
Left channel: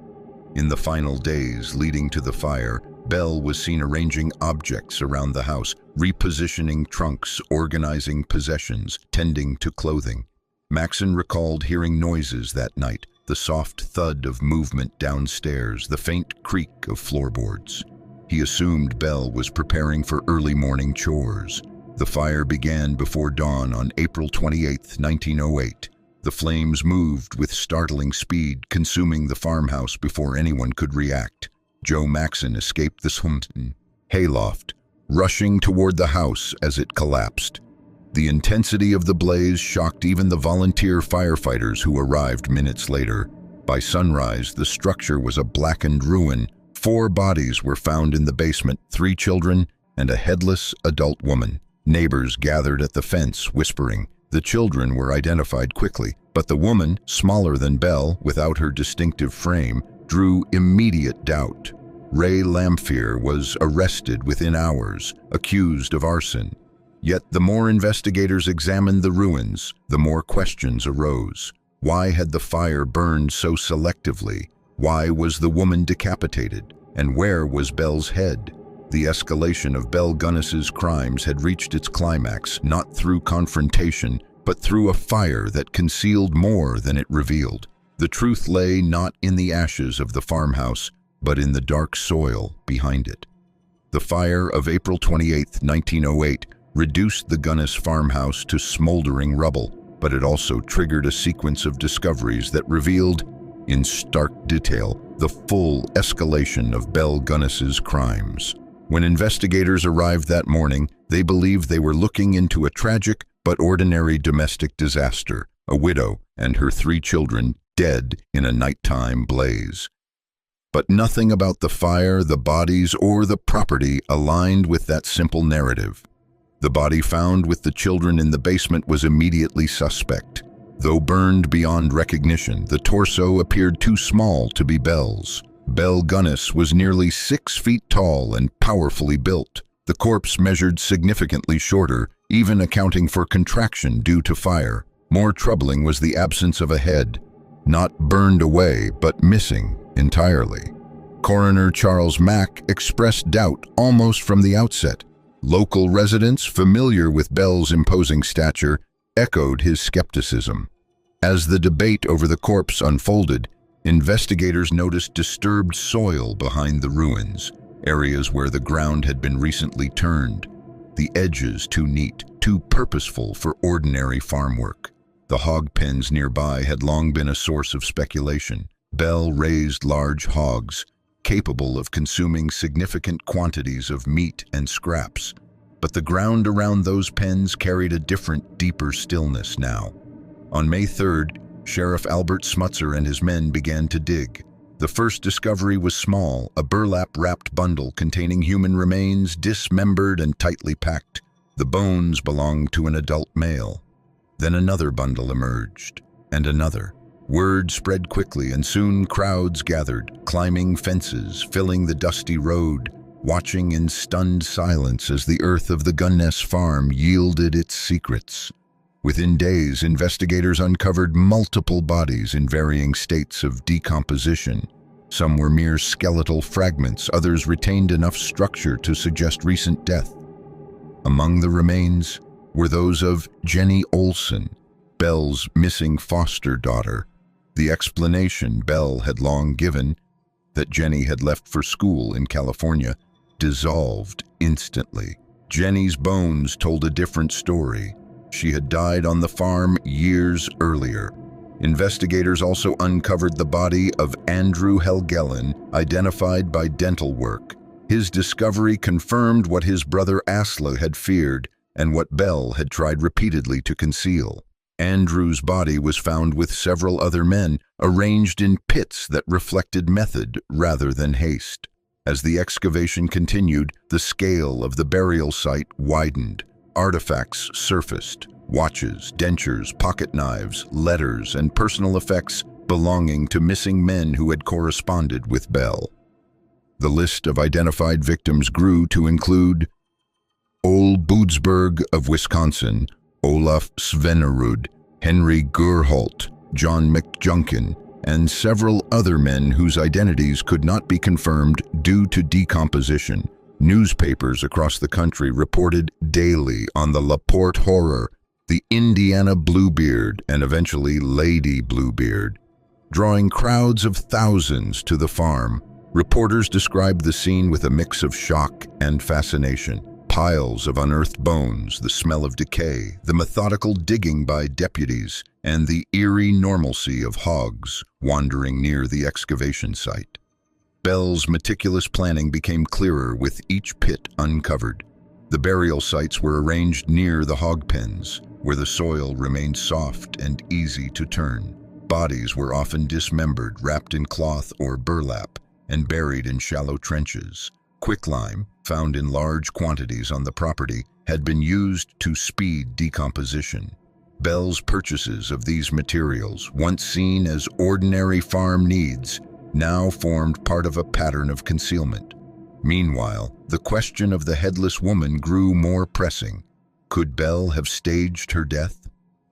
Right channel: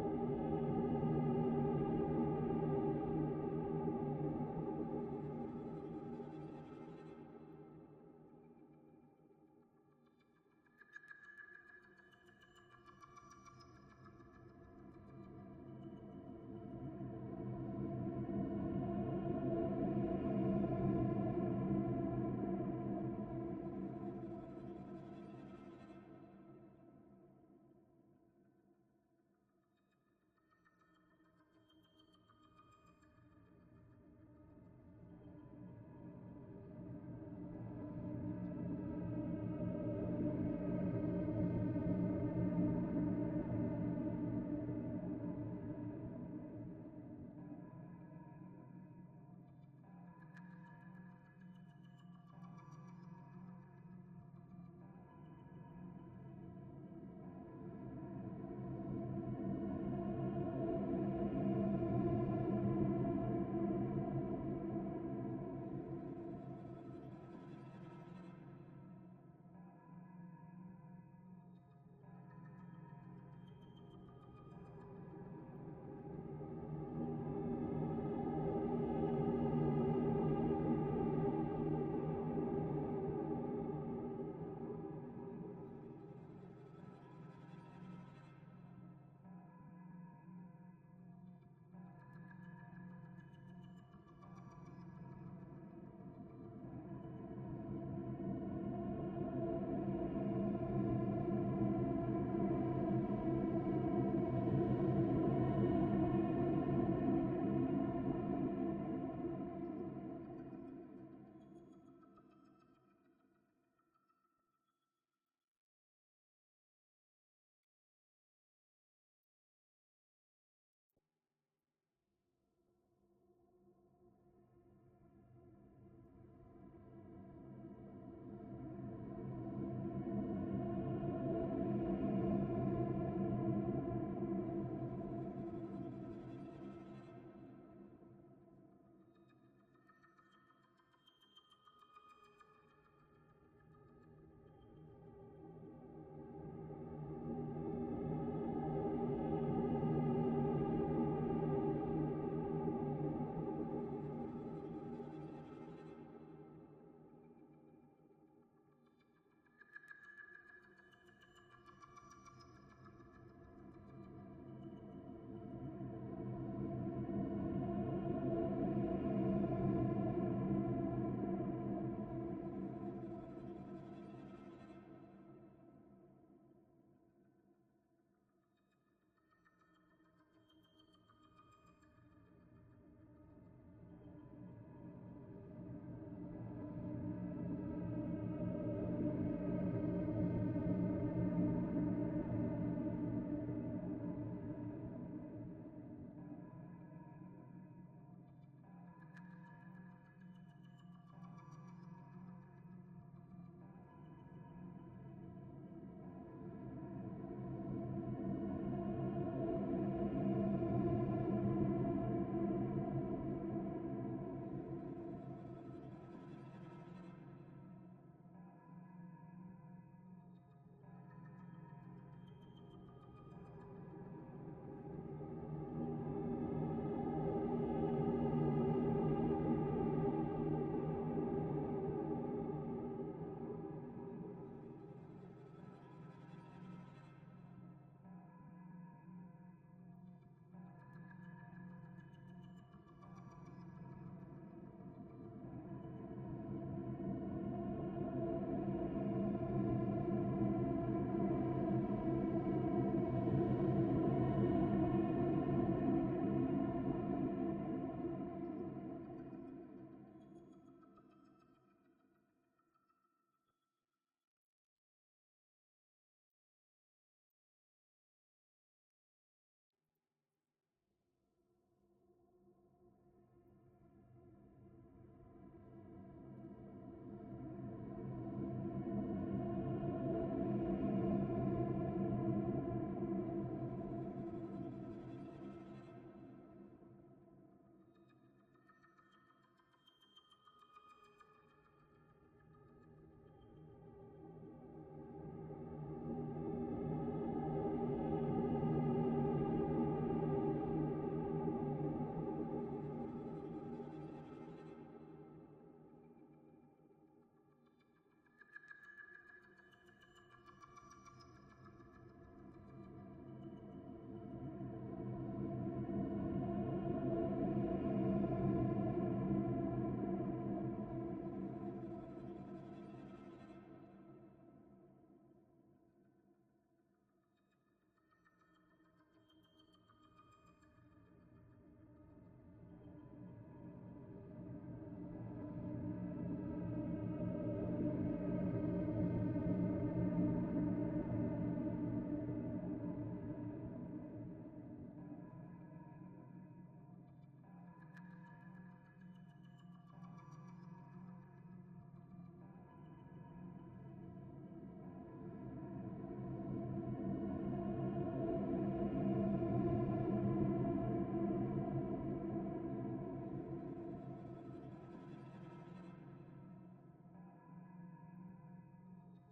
In the final days leading to the fire, Belle was seen arranging objects around the house, repositioning trunks, organizing possessions, tending to clothing. Maxon recalled hearing noises that night, the soft thud of movement downstairs, the faint creak of floorboards. He assumed Belle was preparing for early morning chores. The fire began before dawn on April 28, 1908. The flames moved with startling speed, consuming the farmhouse before anyone could react. Joe Maxon escaped the hayloft, rushing toward the house as it collapsed. The intensity of the blaze shocked even the volunteer firefighters who arrived minutes later. By sunrise, the structure was a blackened ruin. 4 bodies were found in the basement, 3 children and a headless adult woman. Neighbors gathered at the fence, whispering. The children were identified quickly, but the woman, smaller than Belle, without her distinctive frame, drew immediate doubt. Ray Lamphere was arrested within hours, accused of arson. Yet the more investigators examined the ruins, the more questions arose. Why had the fire burned so selectively? Why was the woman decapitated? And where was Belle's head? The escalation of Belle Gunness's crimes had reached its climax, not through confrontation, but through a fire that concealed more than it revealed. The truth lay not in the ashes of the farmhouse, but in the dark soil behind it. The fire of April 28, 1908, reduced the Gunness farmhouse to smoldering rubble, but it also triggered a sequence of discoveries that revealed, in stark detail, the full escalation of Belle Gunness's crimes. When investigators arrived that morning, they believed they were looking into a tragic but ordinary domestic disaster, a widow and her 3 children dead in a nighttime blaze. But nothing about the fire, the bodies, or the property aligned with that simple narrative. The body found with the children in the basement was immediately suspect. Though burned beyond recognition, the torso appeared too small to be Belle's. Belle Gunness was nearly 6 feet tall and powerfully built. The corpse measured significantly shorter, even accounting for contraction due to fire. More troubling was the absence of a head, not burned away, but missing entirely. Coroner Charles Mack expressed doubt almost from the outset. Local residents, familiar with Belle's imposing stature, echoed his skepticism. As the debate over the corpse unfolded, investigators noticed disturbed soil behind the ruins, areas where the ground had been recently turned, the edges too neat, too purposeful for ordinary farm work. The hog pens nearby had long been a source of speculation. Belle raised large hogs, capable of consuming significant quantities of meat and scraps. But the ground around those pens carried a different, deeper stillness now. On May 3rd, Sheriff Albert Smutzer and his men began to dig. The first discovery was small, a burlap-wrapped bundle containing human remains, dismembered and tightly packed. The bones belonged to an adult male. Then another bundle emerged, and another. Word spread quickly, and soon crowds gathered, climbing fences, filling the dusty road, watching in stunned silence as the earth of the Gunness farm yielded its secrets. Within days, investigators uncovered multiple bodies in varying states of decomposition. Some were mere skeletal fragments, others retained enough structure to suggest recent death. Among the remains were those of Jenny Olson, Belle's missing foster daughter. The explanation Belle had long given, that Jenny had left for school in California, dissolved instantly. Jenny's bones told a different story. She had died on the farm years earlier. Investigators also uncovered the body of Andrew Helgelin, identified by dental work. His discovery confirmed what his brother Asla had feared and what Belle had tried repeatedly to conceal. Andrew's body was found with several other men, arranged in pits that reflected method rather than haste. As the excavation continued, the scale of the burial site widened. Artifacts surfaced: watches, dentures, pocket knives, letters, and personal effects belonging to missing men who had corresponded with Belle. The list of identified victims grew to include Ole Boodsberg of Wisconsin, Olaf Svenerud, Henry Gerholt, John McJunkin, and several other men whose identities could not be confirmed due to decomposition. Newspapers across the country reported daily on the LaPorte horror, the Indiana Bluebeard, and eventually Lady Bluebeard. Drawing crowds of thousands to the farm, reporters described the scene with a mix of shock and fascination. Piles of unearthed bones, the smell of decay, the methodical digging by deputies, and the eerie normalcy of hogs wandering near the excavation site. Belle's meticulous planning became clearer with each pit uncovered. The burial sites were arranged near the hog pens, where the soil remained soft and easy to turn. Bodies were often dismembered, wrapped in cloth or burlap, and buried in shallow trenches. Quicklime, found in large quantities on the property, had been used to speed decomposition. Belle's purchases of these materials, once seen as ordinary farm needs, now formed part of a pattern of concealment. Meanwhile, the question of the headless woman grew more pressing. Could Belle have staged her death?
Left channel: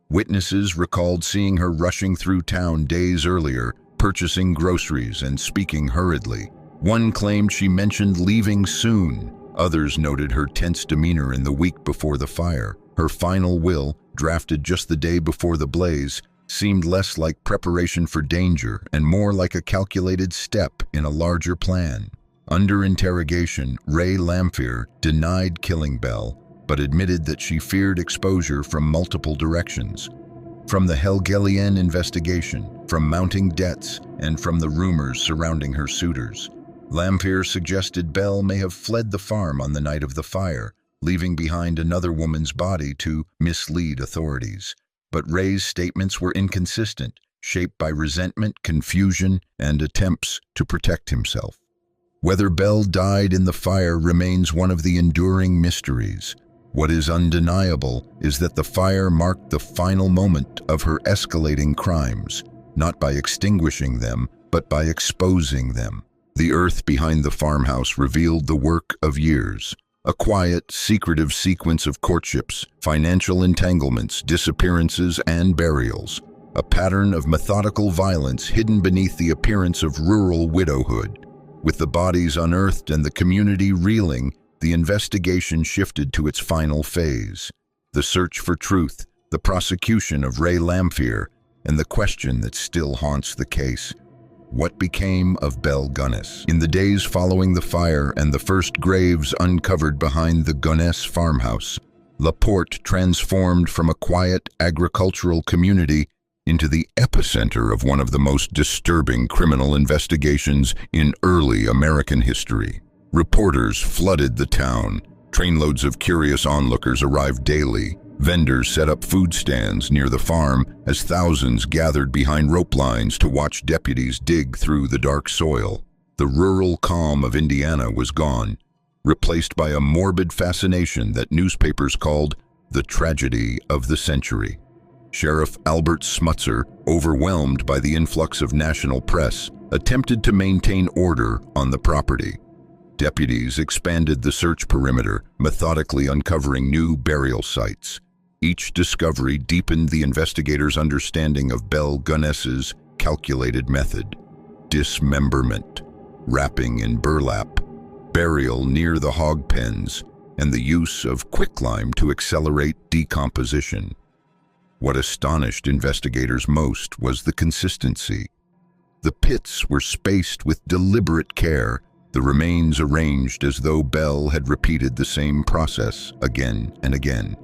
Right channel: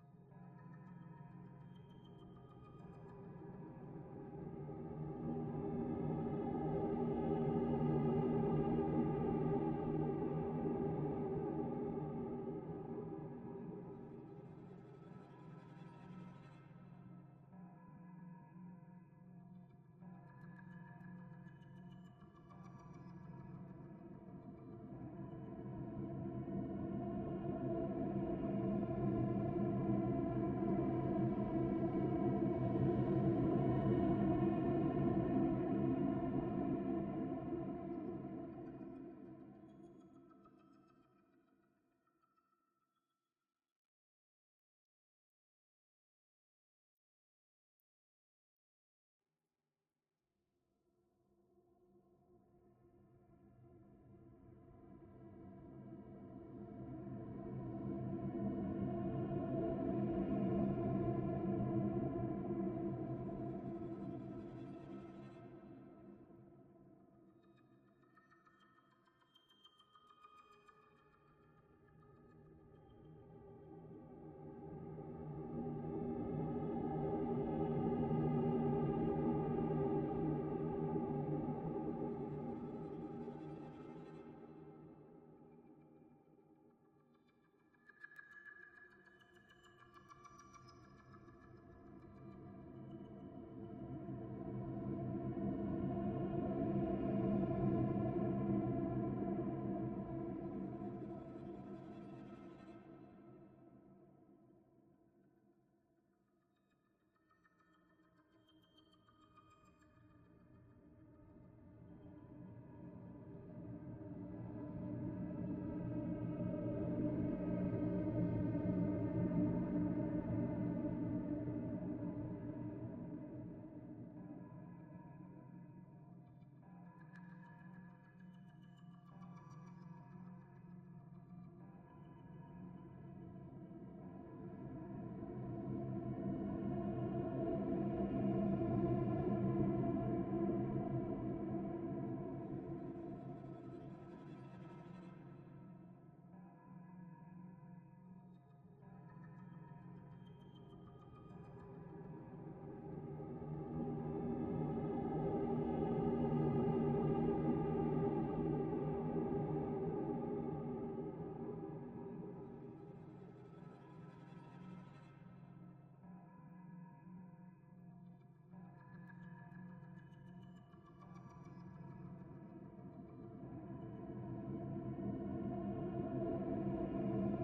Witnesses recalled seeing her rushing through town days earlier, purchasing groceries and speaking hurriedly. One claimed she mentioned leaving soon. Others noted her tense demeanor in the week before the fire. Her final will, drafted just the day before the blaze, seemed less like preparation for danger and more like a calculated step in a larger plan. Under interrogation, Ray Lamphere denied killing Belle, but admitted that she feared exposure from multiple directions. From the Helgelian investigation, from mounting debts, and from the rumors surrounding her suitors. Lamphere suggested Belle may have fled the farm on the night of the fire, leaving behind another woman's body to mislead authorities. But Ray's statements were inconsistent, shaped by resentment, confusion, and attempts to protect himself. Whether Belle died in the fire remains one of the enduring mysteries. What is undeniable is that the fire marked the final moment of her escalating crimes, not by extinguishing them, but by exposing them. The earth behind the farmhouse revealed the work of years. A quiet, secretive sequence of courtships, financial entanglements, disappearances, and burials. A pattern of methodical violence hidden beneath the appearance of rural widowhood. With the bodies unearthed and the community reeling, the investigation shifted to its final phase. The search for truth, the prosecution of Ray Lamphere, and the question that still haunts the case. What became of Belle Gunness? In the days following the fire and the first graves uncovered behind the Gunness farmhouse, LaPorte transformed from a quiet agricultural community into the epicenter of one of the most disturbing criminal investigations in early American history. Reporters flooded the town. Trainloads of curious onlookers arrived daily. Vendors set up food stands near the farm as thousands gathered behind rope lines to watch deputies dig through the dark soil. The rural calm of Indiana was gone, replaced by a morbid fascination that newspapers called the tragedy of the century. Sheriff Albert Smutzer, overwhelmed by the influx of national press, attempted to maintain order on the property. Deputies expanded the search perimeter, methodically uncovering new burial sites. Each discovery deepened the investigators' understanding of Belle Gunness's calculated method: dismemberment, wrapping in burlap, burial near the hog pens, and the use of quicklime to accelerate decomposition. What astonished investigators most was the consistency. The pits were spaced with deliberate care, the remains arranged as though Belle had repeated the same process again and again.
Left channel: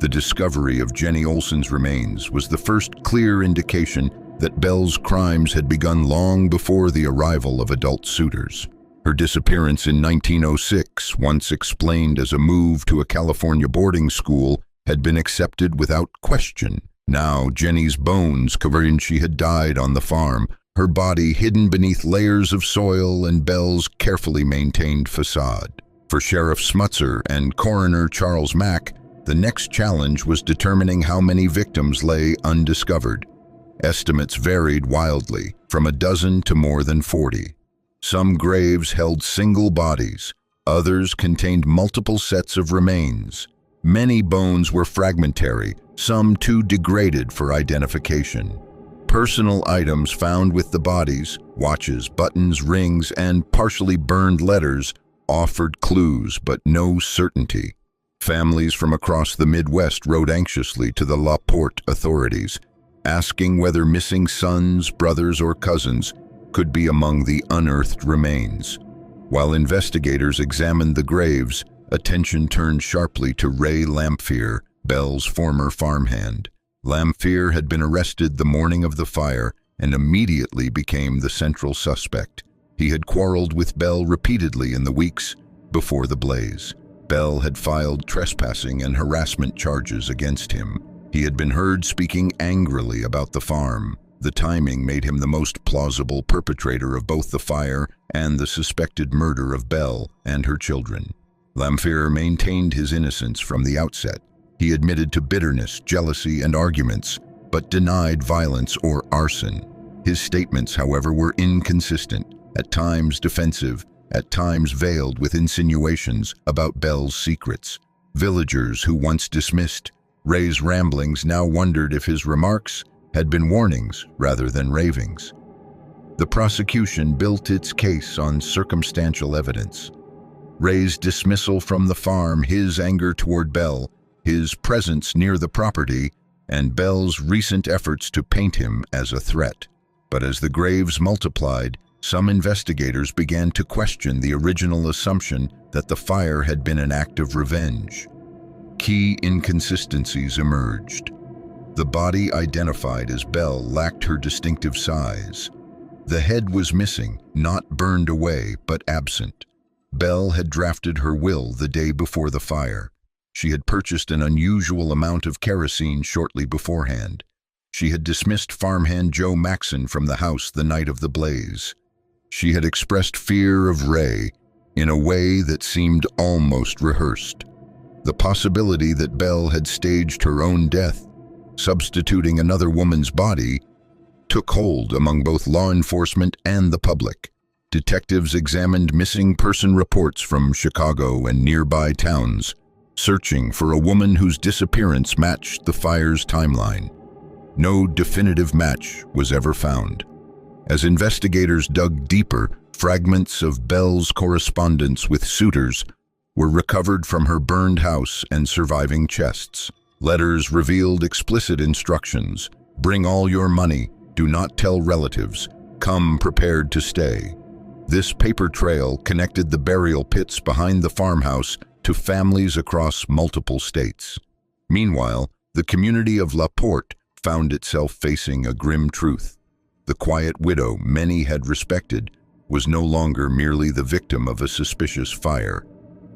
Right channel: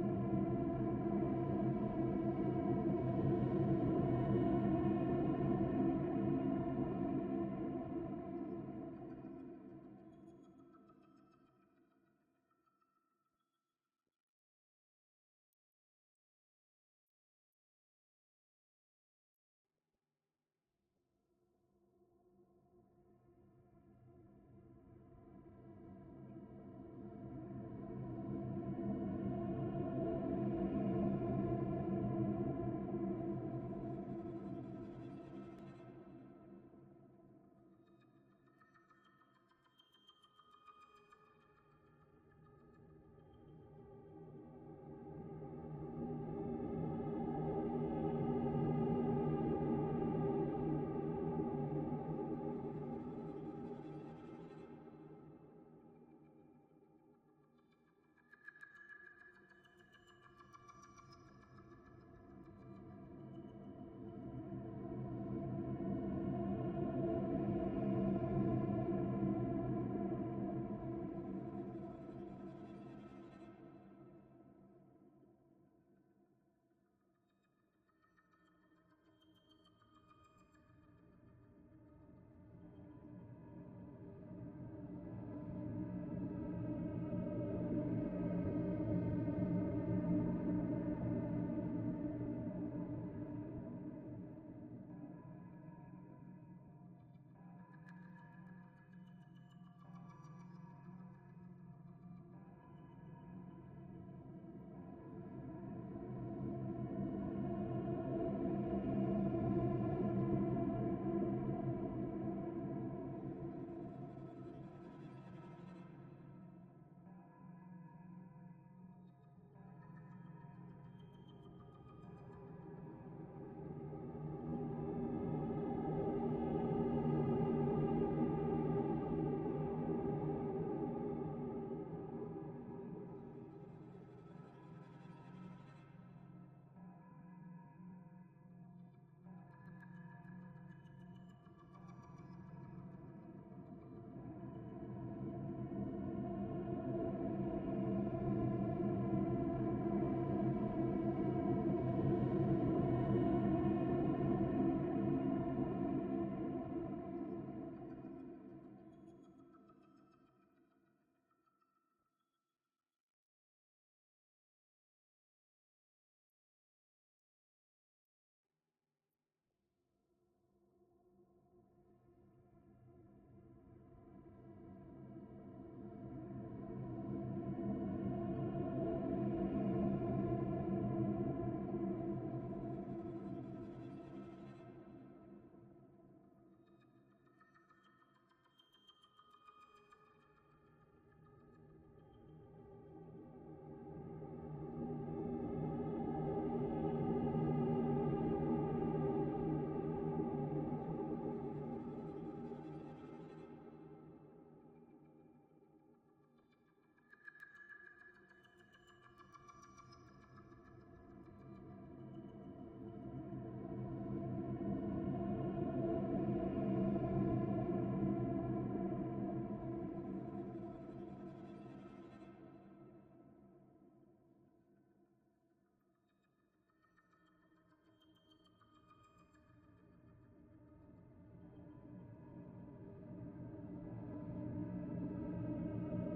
The discovery of Jenny Olson's remains was the first clear indication that Belle's crimes had begun long before the arrival of adult suitors. Her disappearance in 1906, once explained as a move to a California boarding school, had been accepted without question. Now Jenny's bones, covering she had died on the farm, her body hidden beneath layers of soil and Belle's carefully maintained facade. For Sheriff Smutzer and Coroner Charles Mack, the next challenge was determining how many victims lay undiscovered. Estimates varied wildly, from a dozen to more than 40. Some graves held single bodies, others contained multiple sets of remains. Many bones were fragmentary, some too degraded for identification. Personal items found with the bodies, watches, buttons, rings, and partially burned letters, offered clues but no certainty. Families from across the Midwest wrote anxiously to the La Porte authorities, asking whether missing sons, brothers, or cousins could be among the unearthed remains. While investigators examined the graves, attention turned sharply to Ray Lamphere, Belle's former farmhand. Lamphere had been arrested the morning of the fire and immediately became the central suspect. He had quarreled with Belle repeatedly in the weeks before the blaze. Belle had filed trespassing and harassment charges against him. He had been heard speaking angrily about the farm. The timing made him the most plausible perpetrator of both the fire and the suspected murder of Belle and her children. Lamphere maintained his innocence from the outset. He admitted to bitterness, jealousy, and arguments, but denied violence or arson. His statements, however, were inconsistent, at times defensive, at times veiled with insinuations about Belle's secrets. Villagers who once dismissed Ray's ramblings now wondered if his remarks had been warnings rather than ravings. The prosecution built its case on circumstantial evidence. Ray's dismissal from the farm, his anger toward Belle, his presence near the property, and Belle's recent efforts to paint him as a threat. But as the graves multiplied, some investigators began to question the original assumption that the fire had been an act of revenge. Key inconsistencies emerged. The body identified as Belle lacked her distinctive size. The head was missing, not burned away, but absent. Belle had drafted her will the day before the fire. She had purchased an unusual amount of kerosene shortly beforehand. She had dismissed farmhand Joe Maxon from the house the night of the blaze. She had expressed fear of Ray in a way that seemed almost rehearsed. The possibility that Belle had staged her own death, substituting another woman's body, took hold among both law enforcement and the public. Detectives examined missing person reports from Chicago and nearby towns, searching for a woman whose disappearance matched the fire's timeline. No definitive match was ever found. As investigators dug deeper, fragments of Belle's correspondence with suitors were recovered from her burned house and surviving chests. Letters revealed explicit instructions: bring all your money, do not tell relatives, come prepared to stay. This paper trail connected the burial pits behind the farmhouse to families across multiple states. Meanwhile, the community of La Porte found itself facing a grim truth. The quiet widow many had respected was no longer merely the victim of a suspicious fire.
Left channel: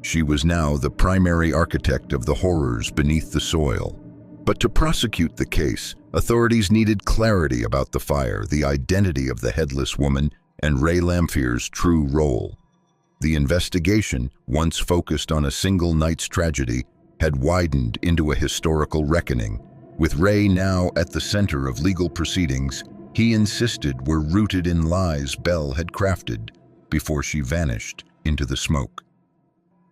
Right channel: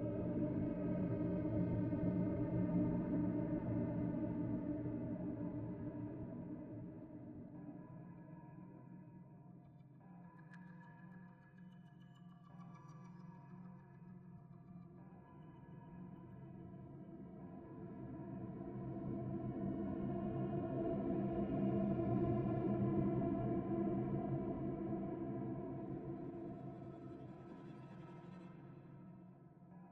She was now the primary architect of the horrors beneath the soil. But to prosecute the case, authorities needed clarity about the fire, the identity of the headless woman, and Ray Lamphere's true role. The investigation, once focused on a single night's tragedy, had widened into a historical reckoning. With Ray now at the center of legal proceedings, he insisted were rooted in lies Belle had crafted before she vanished into the smoke.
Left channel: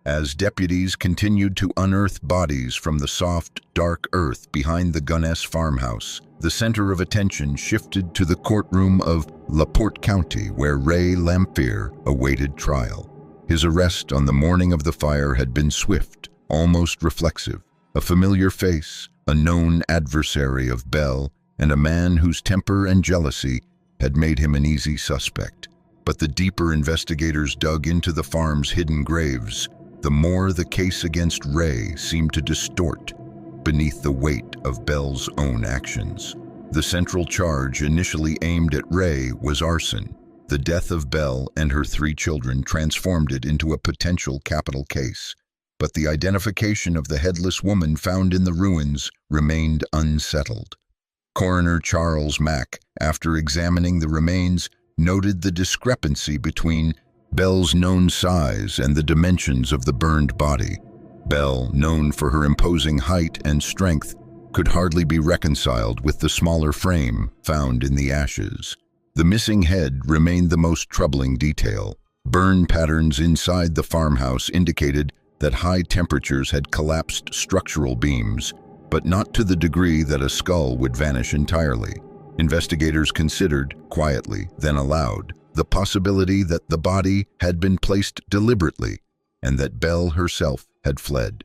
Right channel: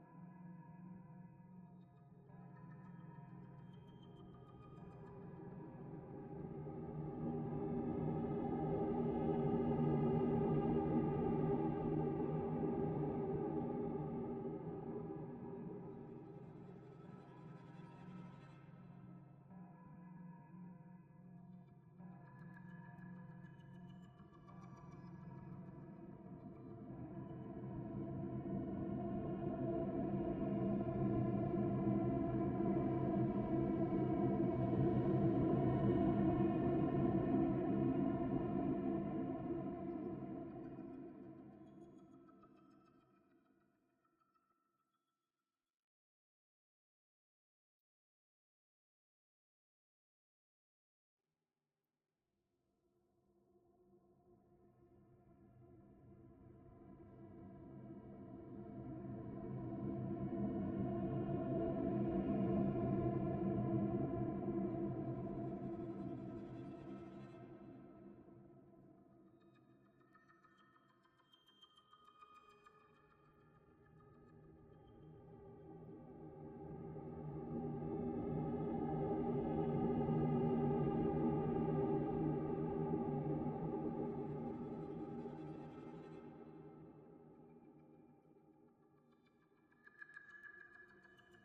As deputies continued to unearth bodies from the soft, dark earth behind the Gunness farmhouse, the center of attention shifted to the courtroom of LaPorte County, where Ray Lamphere awaited trial. His arrest on the morning of the fire had been swift, almost reflexive. A familiar face, a known adversary of Belle, and a man whose temper and jealousy had made him an easy suspect. But the deeper investigators dug into the farm's hidden graves, the more the case against Ray seemed to distort beneath the weight of Belle's own actions. The central charge initially aimed at Ray was arson. The death of Belle and her 3 children transformed it into a potential capital case. But the identification of the headless woman found in the ruins remained unsettled. Coroner Charles Mack, after examining the remains, noted the discrepancy between Belle's known size and the dimensions of the burned body. Belle, known for her imposing height and strength, could hardly be reconciled with the smaller frame found in the ashes. The missing head remained the most troubling detail. Burn patterns inside the farmhouse indicated that high temperatures had collapsed structural beams, but not to the degree that a skull would vanish entirely. Investigators considered, quietly, then aloud, the possibility that the body had been placed deliberately and that Belle herself had fled.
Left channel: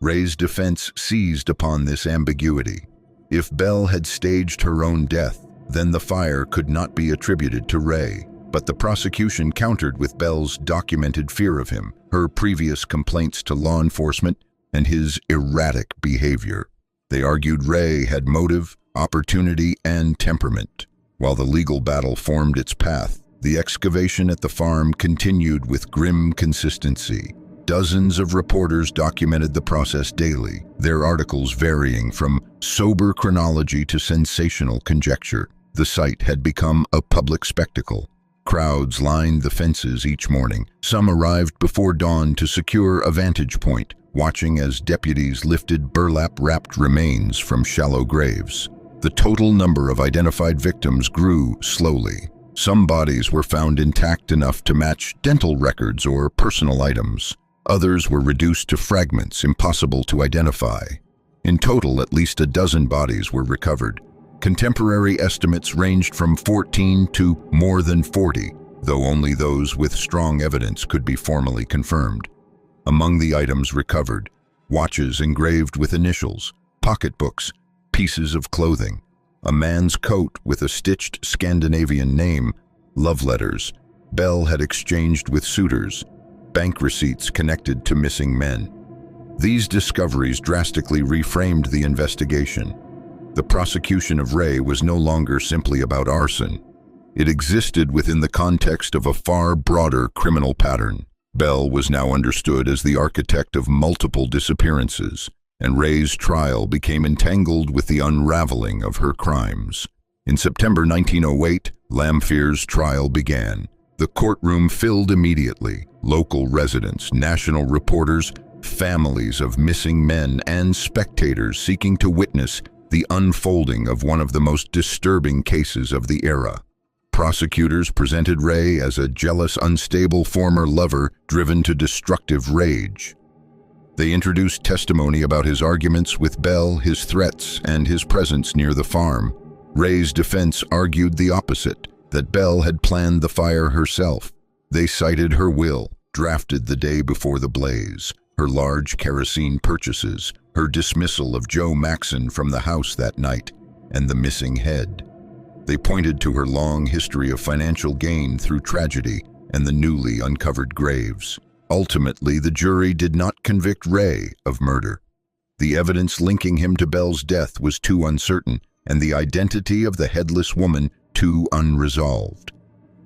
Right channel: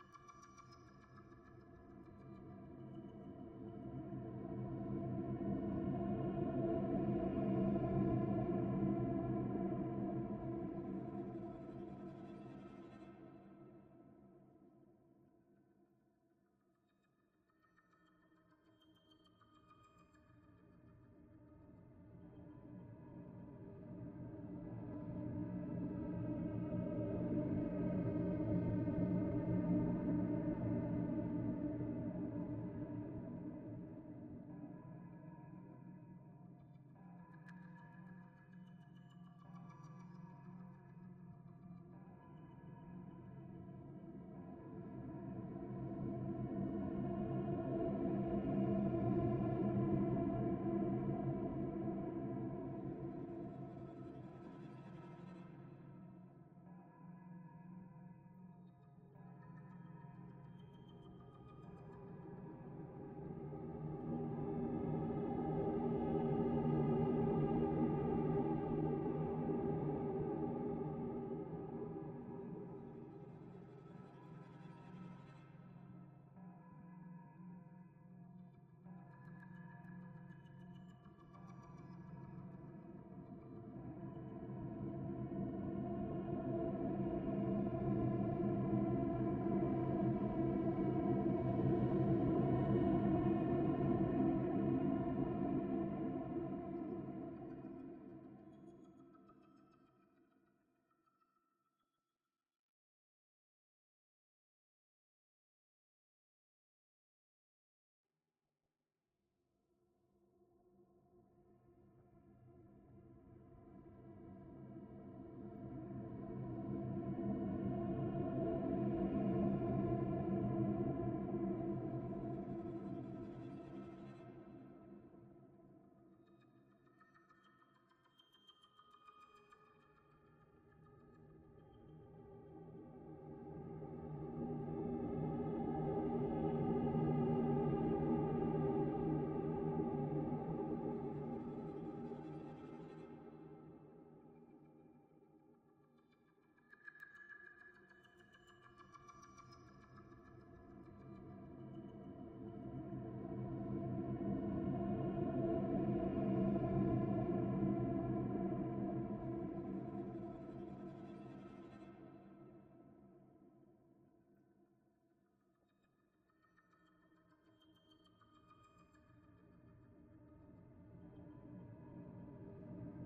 Ray's defense seized upon this ambiguity. If Belle had staged her own death, then the fire could not be attributed to Ray. But the prosecution countered with Belle's documented fear of him, her previous complaints to law enforcement, and his erratic behavior. They argued Ray had motive, opportunity, and temperament. While the legal battle formed its path, the excavation at the farm continued with grim consistency. Dozens of reporters documented the process daily, their articles varying from sober chronology to sensational conjecture. The site had become a public spectacle. Crowds lined the fences each morning. Some arrived before dawn to secure a vantage point, watching as deputies lifted burlap-wrapped remains from shallow graves. The total number of identified victims grew slowly. Some bodies were found intact enough to match dental records or personal items. Others were reduced to fragments impossible to identify. In total, at least a dozen bodies were recovered. Contemporary estimates ranged from 14 to more than 40, though only those with strong evidence could be formally confirmed. Among the items recovered, watches engraved with initials, pocketbooks, pieces of clothing, a man's coat with a stitched Scandinavian name, love letters Belle had exchanged with suitors, bank receipts connected to missing men. These discoveries drastically reframed the investigation. The prosecution of Ray was no longer simply about arson. It existed within the context of a far broader criminal pattern. Belle was now understood as the architect of multiple disappearances, and Ray's trial became entangled with the unraveling of her crimes. In September 1908, Lamphere's trial began. The courtroom filled immediately. Local residents, national reporters, families of missing men, and spectators seeking to witness the unfolding of one of the most disturbing cases of the era. Prosecutors presented Ray as a jealous, unstable former lover driven to destructive rage. They introduced testimony about his arguments with Belle, his threats, and his presence near the farm. Ray's defense argued the opposite, that Belle had planned the fire herself. They cited her will, drafted the day before the blaze, her large kerosene purchases, her dismissal of Joe Maxon from the house that night, and the missing head. They pointed to her long history of financial gain through tragedy and the newly uncovered graves. Ultimately, the jury did not convict Ray of murder. The evidence linking him to Belle's death was too uncertain, and the identity of the headless woman too unresolved.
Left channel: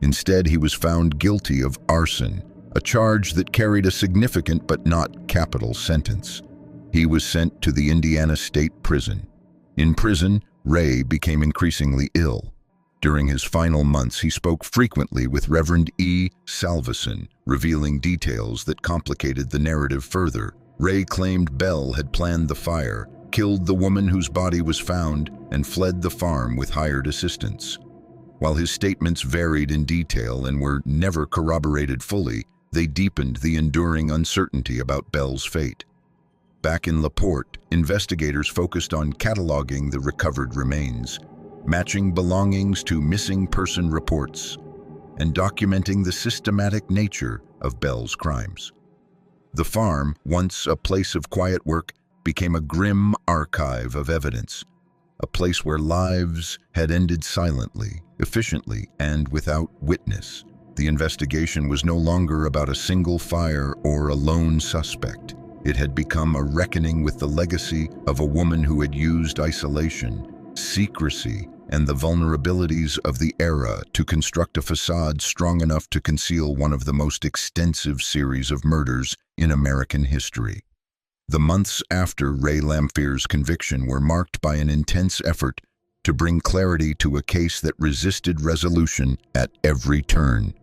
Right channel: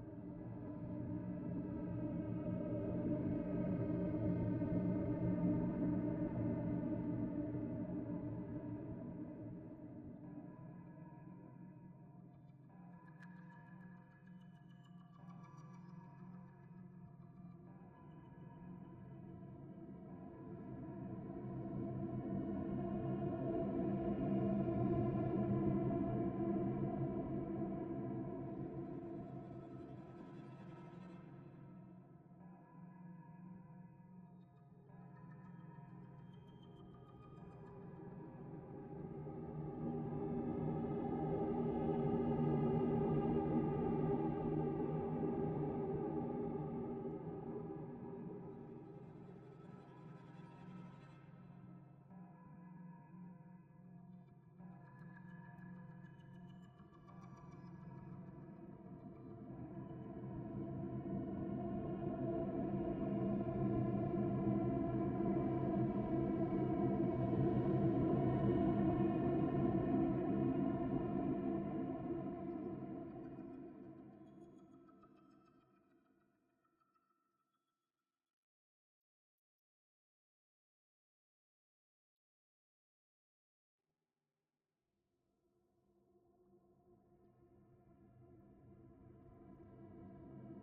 Instead, he was found guilty of arson, a charge that carried a significant but not capital sentence. He was sent to the Indiana State Prison. In prison, Ray became increasingly ill. During his final months, he spoke frequently with Reverend E. Salveson, revealing details that complicated the narrative further. Ray claimed Belle had planned the fire, killed the woman whose body was found, and fled the farm with hired assistants. While his statements varied in detail and were never corroborated fully, they deepened the enduring uncertainty about Belle's fate. Back in LaPorte, investigators focused on cataloging the recovered remains, matching belongings to missing person reports, and documenting the systematic nature of Belle's crimes. The farm, once a place of quiet work, became a grim archive of evidence, a place where lives had ended silently, efficiently, and without witness. The investigation was no longer about a single fire or a lone suspect. It had become a reckoning with the legacy of a woman who had used isolation, secrecy, and the vulnerabilities of the era to construct a facade strong enough to conceal one of the most extensive series of murders in American history. The months after Ray Lamphere's conviction were marked by an intense effort to bring clarity to a case that resisted resolution at every turn.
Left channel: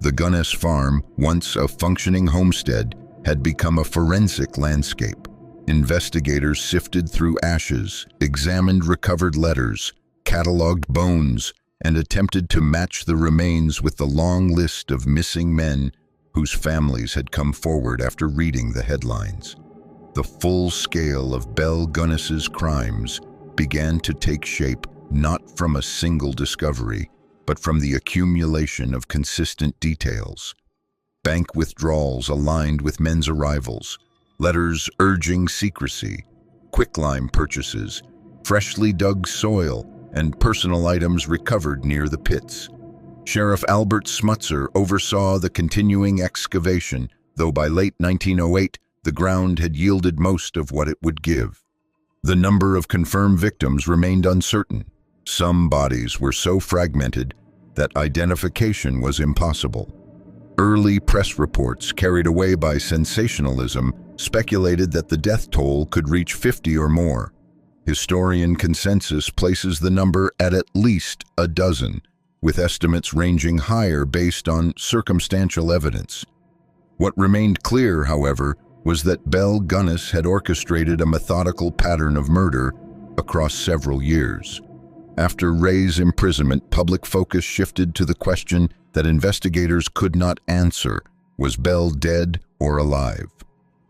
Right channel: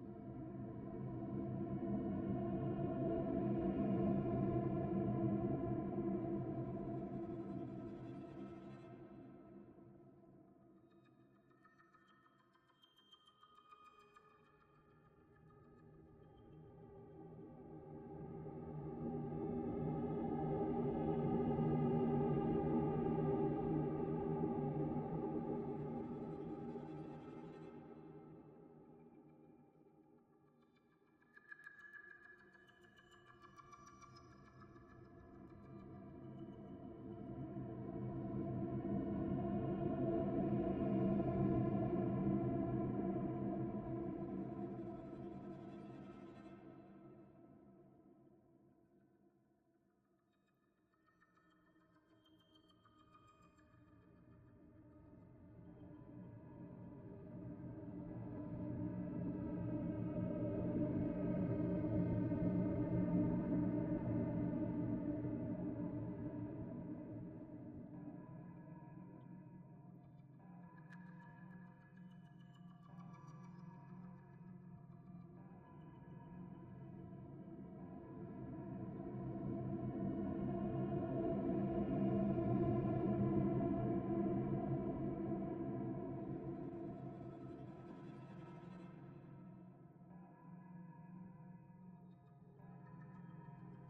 The Gunness farm, once a functioning homestead, had become a forensic landscape. Investigators sifted through ashes, examined recovered letters, cataloged bones, and attempted to match the remains with the long list of missing men whose families had come forward after reading the headlines. The full scale of Belle Gunness's crimes began to take shape not from a single discovery, but from the accumulation of consistent details. Bank withdrawals aligned with men's arrivals, letters urging secrecy, quicklime purchases, freshly dug soil, and personal items recovered near the pits. Sheriff Albert Smutzer oversaw the continuing excavation, though by late 1908, the ground had yielded most of what it would give. The number of confirmed victims remained uncertain. Some bodies were so fragmented that identification was impossible. Early press reports, carried away by sensationalism, speculated that the death toll could reach 50 or more. Historian consensus places the number at least a dozen, with estimates ranging higher based on circumstantial evidence. What remained clear, however, was that Belle Gunness had orchestrated a methodical pattern of murder across several years. After Ray's imprisonment, public focus shifted to the question that investigators could not answer: was Belle dead or alive?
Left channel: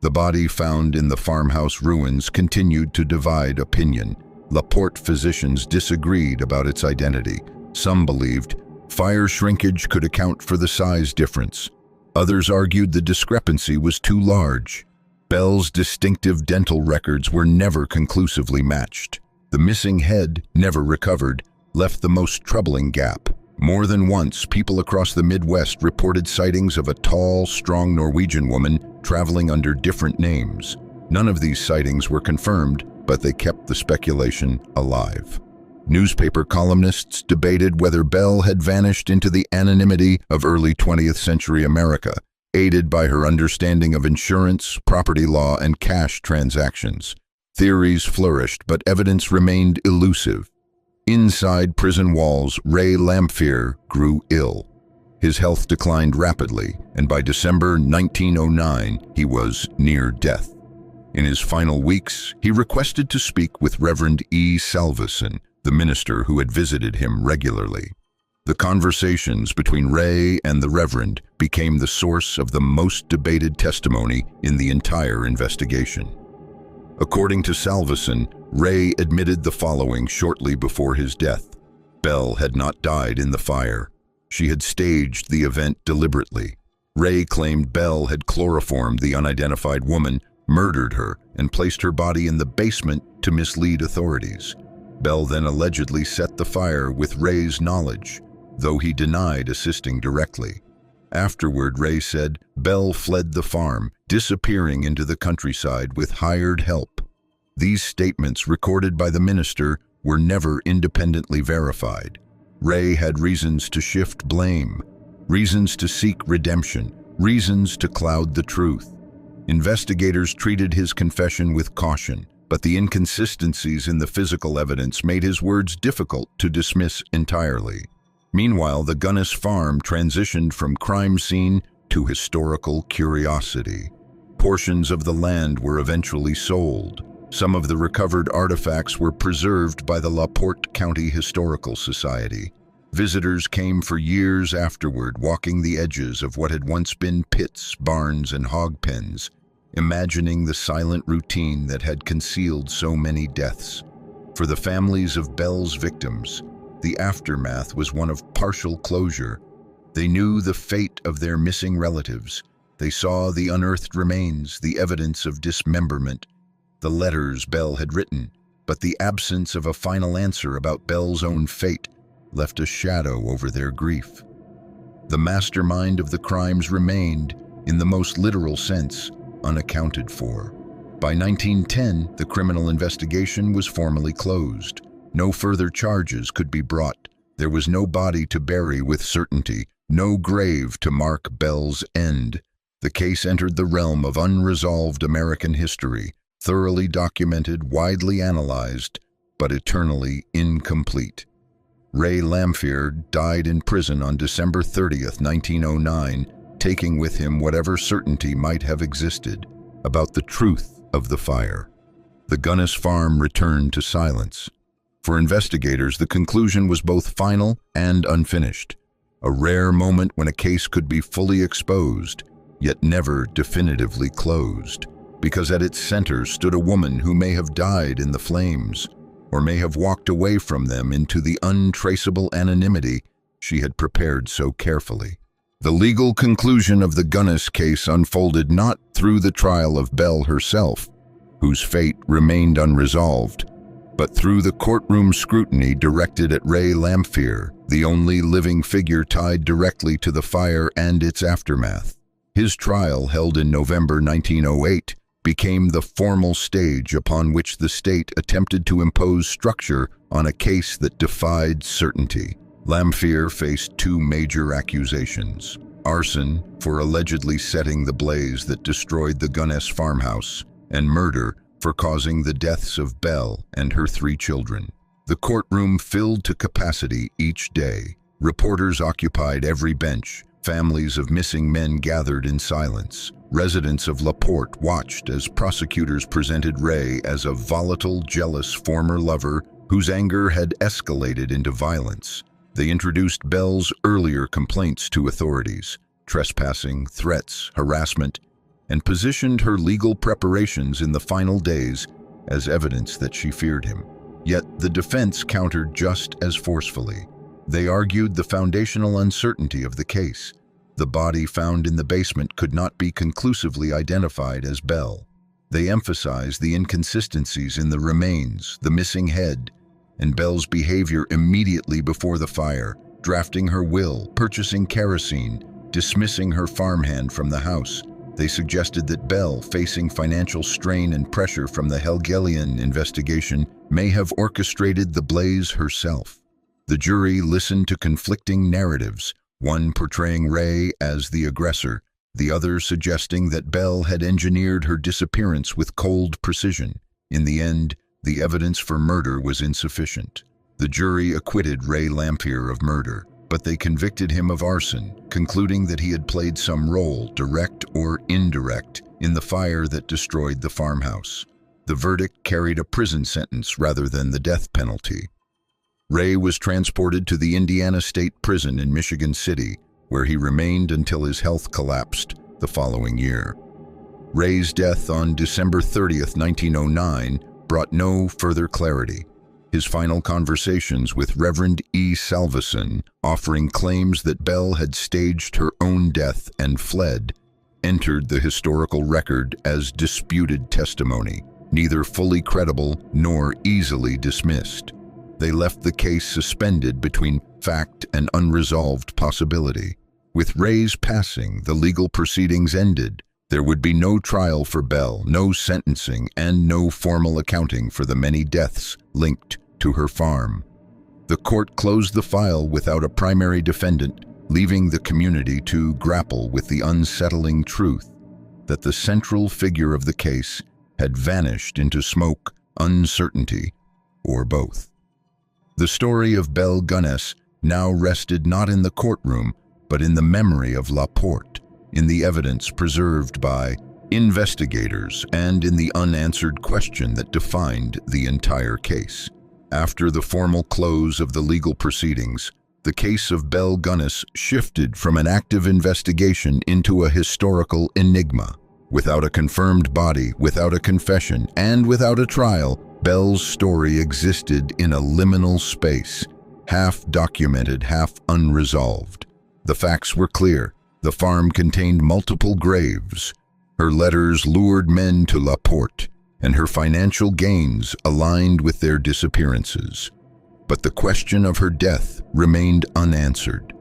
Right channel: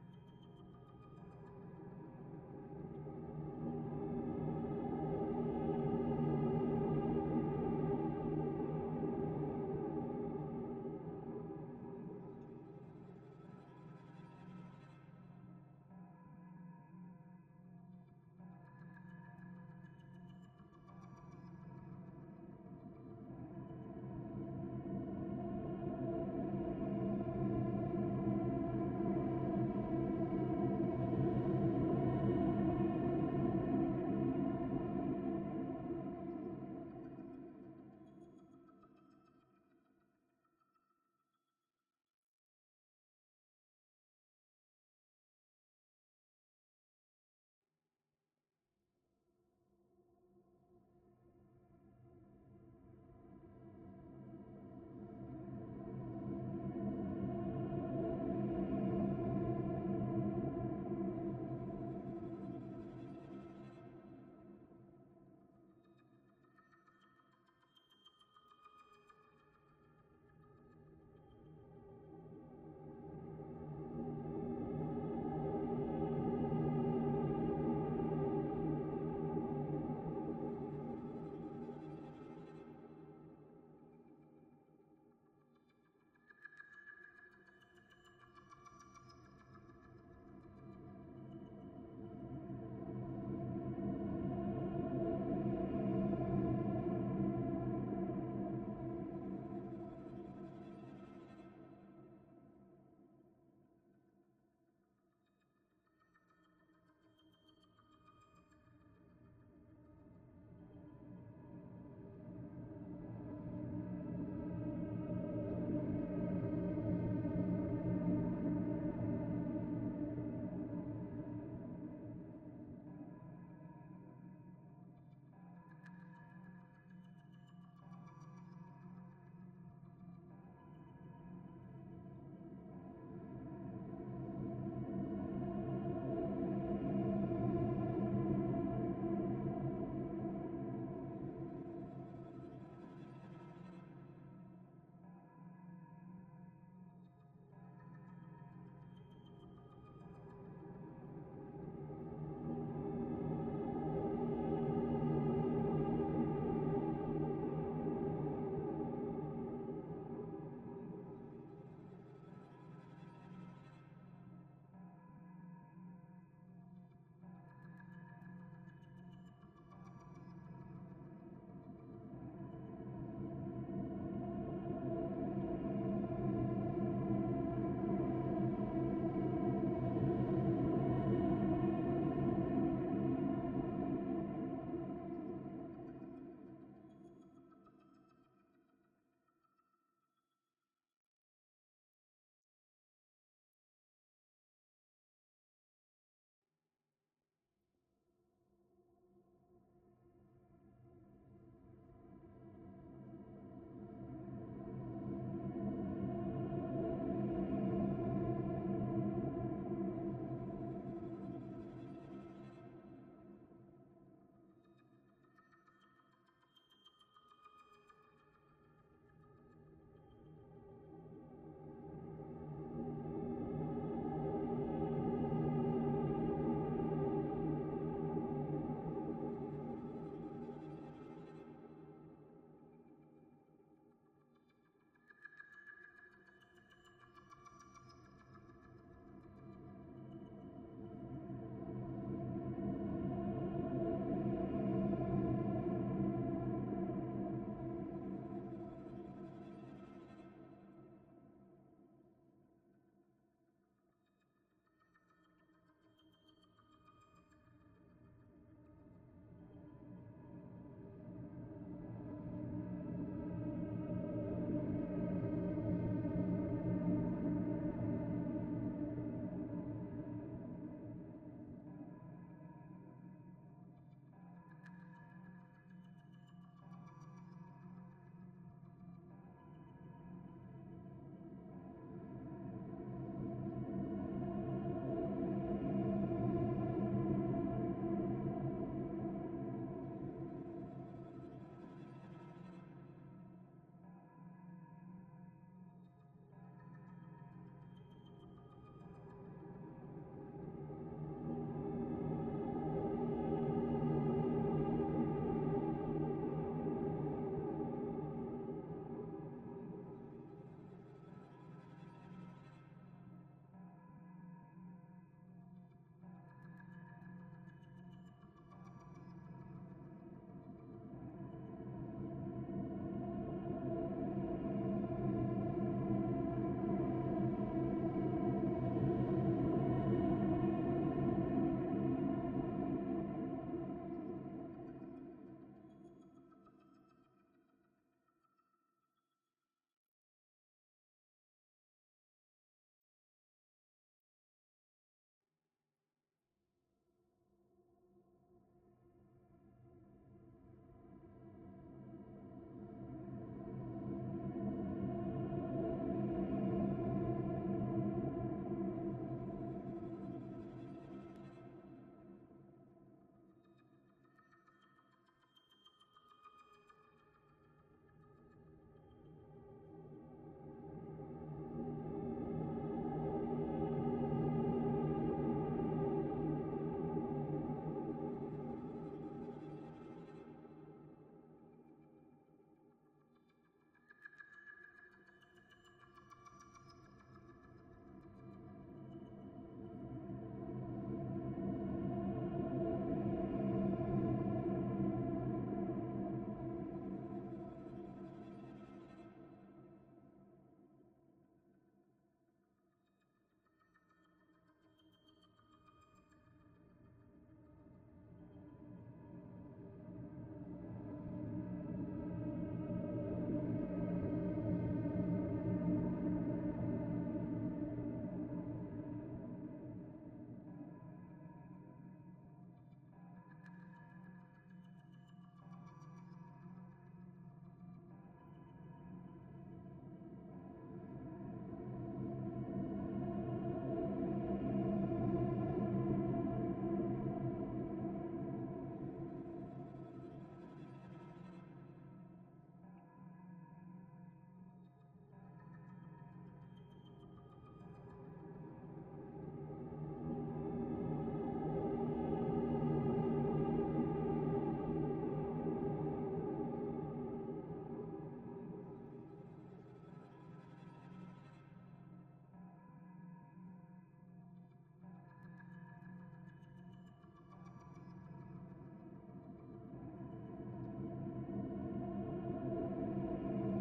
The body found in the farmhouse ruins continued to divide opinion. LaPorte physicians disagreed about its identity. Some believed fire shrinkage could account for the size difference. Others argued the discrepancy was too large. Belle's distinctive dental records were never conclusively matched. The missing head, never recovered, left the most troubling gap. More than once, people across the Midwest reported sightings of a tall, strong Norwegian woman traveling under different names. None of these sightings were confirmed, but they kept the speculation alive. Newspaper columnists debated whether Belle had vanished into the anonymity of early 20th century America, aided by her understanding of insurance, property law, and cash transactions. Theories flourished, but evidence remained elusive. Inside prison walls, Ray Lamphere grew ill. His health declined rapidly, and by December 1909, he was near death. In his final weeks, he requested to speak with Reverend E. Salveson, the minister who had visited him regularly. The conversations between Ray and the Reverend became the source of the most debated testimony in the entire investigation. According to Salveson, Ray admitted the following shortly before his death: Belle had not died in the fire. She had staged the event deliberately. Ray claimed Belle had chloroformed the unidentified woman, murdered her, and placed her body in the basement to mislead authorities. Belle then allegedly set the fire with Ray's knowledge, though he denied assisting directly. Afterward, Ray said Belle fled the farm, disappearing into the countryside with hired help. These statements, recorded by the minister, were never independently verified. Ray had reasons to shift blame, reasons to seek redemption, reasons to cloud the truth. Investigators treated his confession with caution, but the inconsistencies in the physical evidence made his words difficult to dismiss entirely. Meanwhile, the Gunness farm transitioned from crime scene to historical curiosity. Portions of the land were eventually sold. Some of the recovered artifacts were preserved by the LaPorte County Historical Society. Visitors came for years afterward, walking the edges of what had once been pits, barns, and hog pens, imagining the silent routine that had concealed so many deaths. For the families of Belle's victims, the aftermath was one of partial closure. They knew the fate of their missing relatives. They saw the unearthed remains, the evidence of dismemberment, the letters Belle had written, but the absence of a final answer about Belle's own fate left a shadow over their grief. The mastermind of the crimes remained, in the most literal sense, unaccounted for. By 1910, the criminal investigation was formally closed. No further charges could be brought. There was no body to bury with certainty, no grave to mark Belle's end. The case entered the realm of unresolved American history, thoroughly documented, widely analyzed, but eternally incomplete. Ray Lamphere died in prison on December 30th, 1909, taking with him whatever certainty might have existed about the truth of the fire. The Gunness farm returned to silence. For investigators, the conclusion was both final and unfinished, a rare moment when a case could be fully exposed, yet never definitively closed, because at its center stood a woman who may have died in the flames, or may have walked away from them into the untraceable anonymity she had prepared so carefully. The legal conclusion of the Gunness case unfolded not through the trial of Belle herself, whose fate remained unresolved, but through the courtroom scrutiny directed at Ray Lamphere, the only living figure tied directly to the fire and its aftermath. His trial, held in November 1908, became the formal stage upon which the state attempted to impose structure on a case that defied certainty. Lamphere faced two major accusations: arson for allegedly setting the blaze that destroyed the Gunness farmhouse, and murder for causing the deaths of Belle and her 3 children. The courtroom filled to capacity each day. Reporters occupied every bench. Families of missing men gathered in silence. Residents of LaPorte watched as prosecutors presented Ray as a volatile, jealous former lover whose anger had escalated into violence. They introduced Belle's earlier complaints to authorities, trespassing, threats, harassment, and positioned her legal preparations in the final days as evidence that she feared him. Yet the defense countered just as forcefully. They argued the foundational uncertainty of the case. The body found in the basement could not be conclusively identified as Belle. They emphasized the inconsistencies in the remains, the missing head, and Belle's behavior immediately before the fire, drafting her will, purchasing kerosene, dismissing her farmhand from the house. They suggested that Belle, facing financial strain and pressure from the Hegelian investigation, may have orchestrated the blaze herself. The jury listened to conflicting narratives, one portraying Ray as the aggressor, the other suggesting that Belle had engineered her disappearance with cold precision. In the end, the evidence for murder was insufficient. The jury acquitted Ray Lamphere of murder, but they convicted him of arson, concluding that he had played some role, direct or indirect, in the fire that destroyed the farmhouse. The verdict carried a prison sentence rather than the death penalty. Ray was transported to the Indiana State Prison in Michigan City, where he remained until his health collapsed the following year. Ray's death on December 30th, 1909, brought no further clarity. His final conversations with Reverend E. Salveson, offering claims that Belle had staged her own death and fled, entered the historical record as disputed testimony, neither fully credible nor easily dismissed. They left the case suspended between fact and unresolved possibility. With Ray's passing, the legal proceedings ended. There would be no trial for Belle, no sentencing, and no formal accounting for the many deaths linked to her farm. The court closed the file without a primary defendant, leaving the community to grapple with the unsettling truth that the central figure of the case had vanished into smoke, uncertainty, or both. The story of Belle Gunness now rested not in the courtroom, but in the memory of LaPorte, in the evidence preserved by investigators, and in the unanswered question that defined the entire case. After the formal close of the legal proceedings, the case of Belle Gunness shifted from an active investigation into a historical enigma. Without a confirmed body, without a confession, and without a trial, Belle's story existed in a liminal space, half documented, half unresolved. The facts were clear. The farm contained multiple graves. Her letters lured men to LaPorte, and her financial gains aligned with their disappearances. But the question of her death remained unanswered.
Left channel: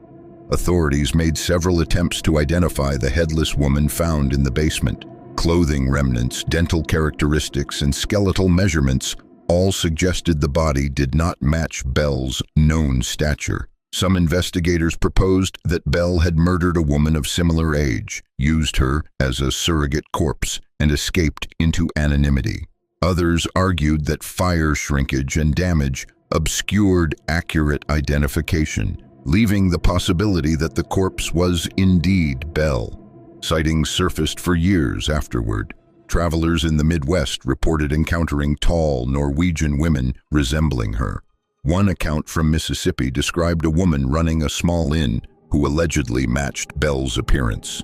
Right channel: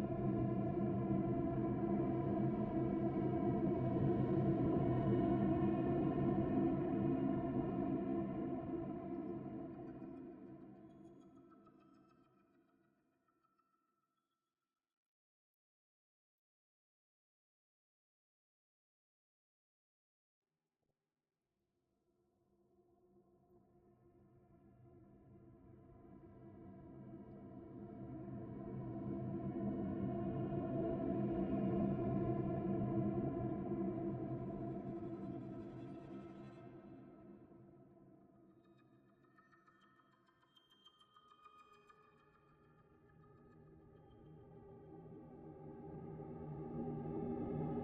Authorities made several attempts to identify the headless woman found in the basement. Clothing remnants, dental characteristics, and skeletal measurements all suggested the body did not match Belle's known stature. Some investigators proposed that Belle had murdered a woman of similar age, used her as a surrogate corpse, and escaped into anonymity. Others argued that fire shrinkage and damage obscured accurate identification, leaving the possibility that the corpse was indeed Belle. Sightings surfaced for years afterward. Travelers in the Midwest reported encountering tall Norwegian women resembling her. One account from Mississippi described a woman running a small inn who allegedly matched Belle's appearance.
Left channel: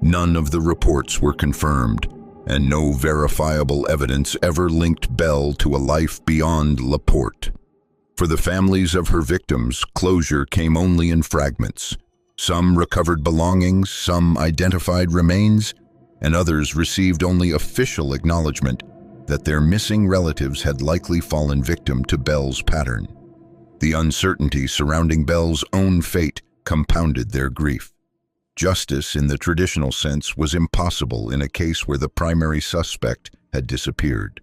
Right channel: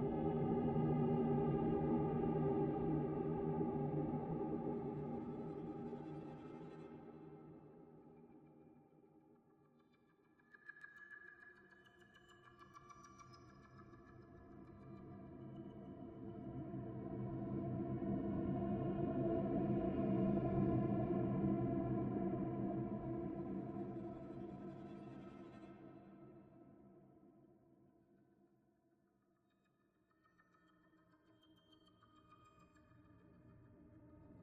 None of the reports were confirmed, and no verifiable evidence ever linked Belle to a life beyond LaPorte. For the families of her victims, closure came only in fragments. Some recovered belongings, some identified remains, and others received only official acknowledgement that their missing relatives had likely fallen victim to Belle's pattern. The uncertainty surrounding Belle's own fate compounded their grief. Justice, in the traditional sense, was impossible in a case where the primary suspect had disappeared.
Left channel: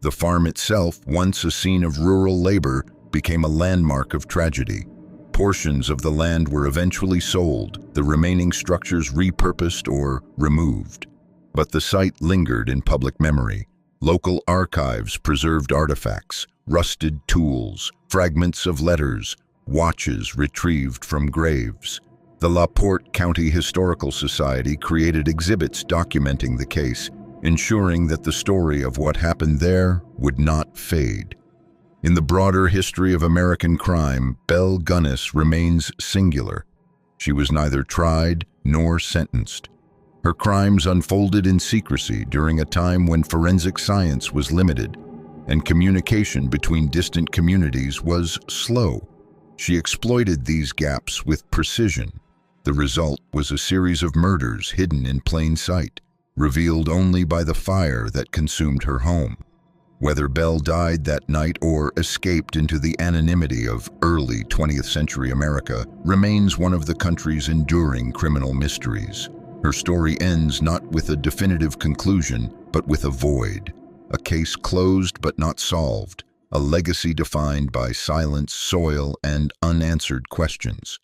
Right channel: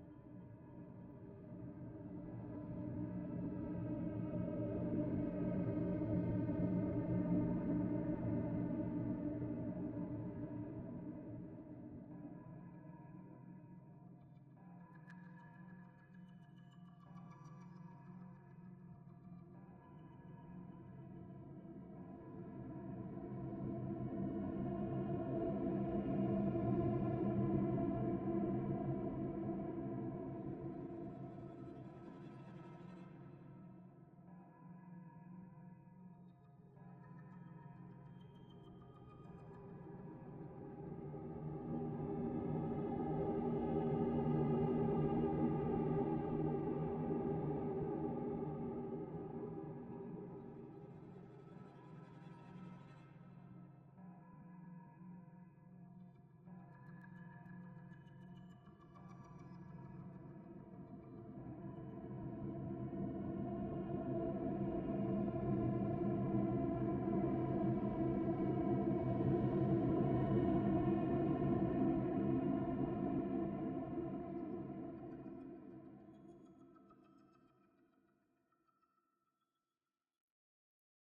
The farm itself, once a scene of rural labor, became a landmark of tragedy. Portions of the land were eventually sold, the remaining structures repurposed or removed. But the site lingered in public memory. Local archives preserved artifacts, rusted tools, fragments of letters, watches retrieved from graves. The LaPorte County Historical Society created exhibits documenting the case, ensuring that the story of what happened there would not fade. In the broader history of American crime, Belle Gunness remains singular. She was neither tried nor sentenced. Her crimes unfolded in secrecy during a time when forensic science was limited and communication between distant communities was slow. She exploited these gaps with precision. The result was a series of murders hidden in plain sight, revealed only by the fire that consumed her home. Whether Belle died that night or escaped into the anonymity of early 20th century America remains one of the country's enduring criminal mysteries. Her story ends not with a definitive conclusion, but with a void. A case closed but not solved, a legacy defined by silence, soil, and unanswered questions.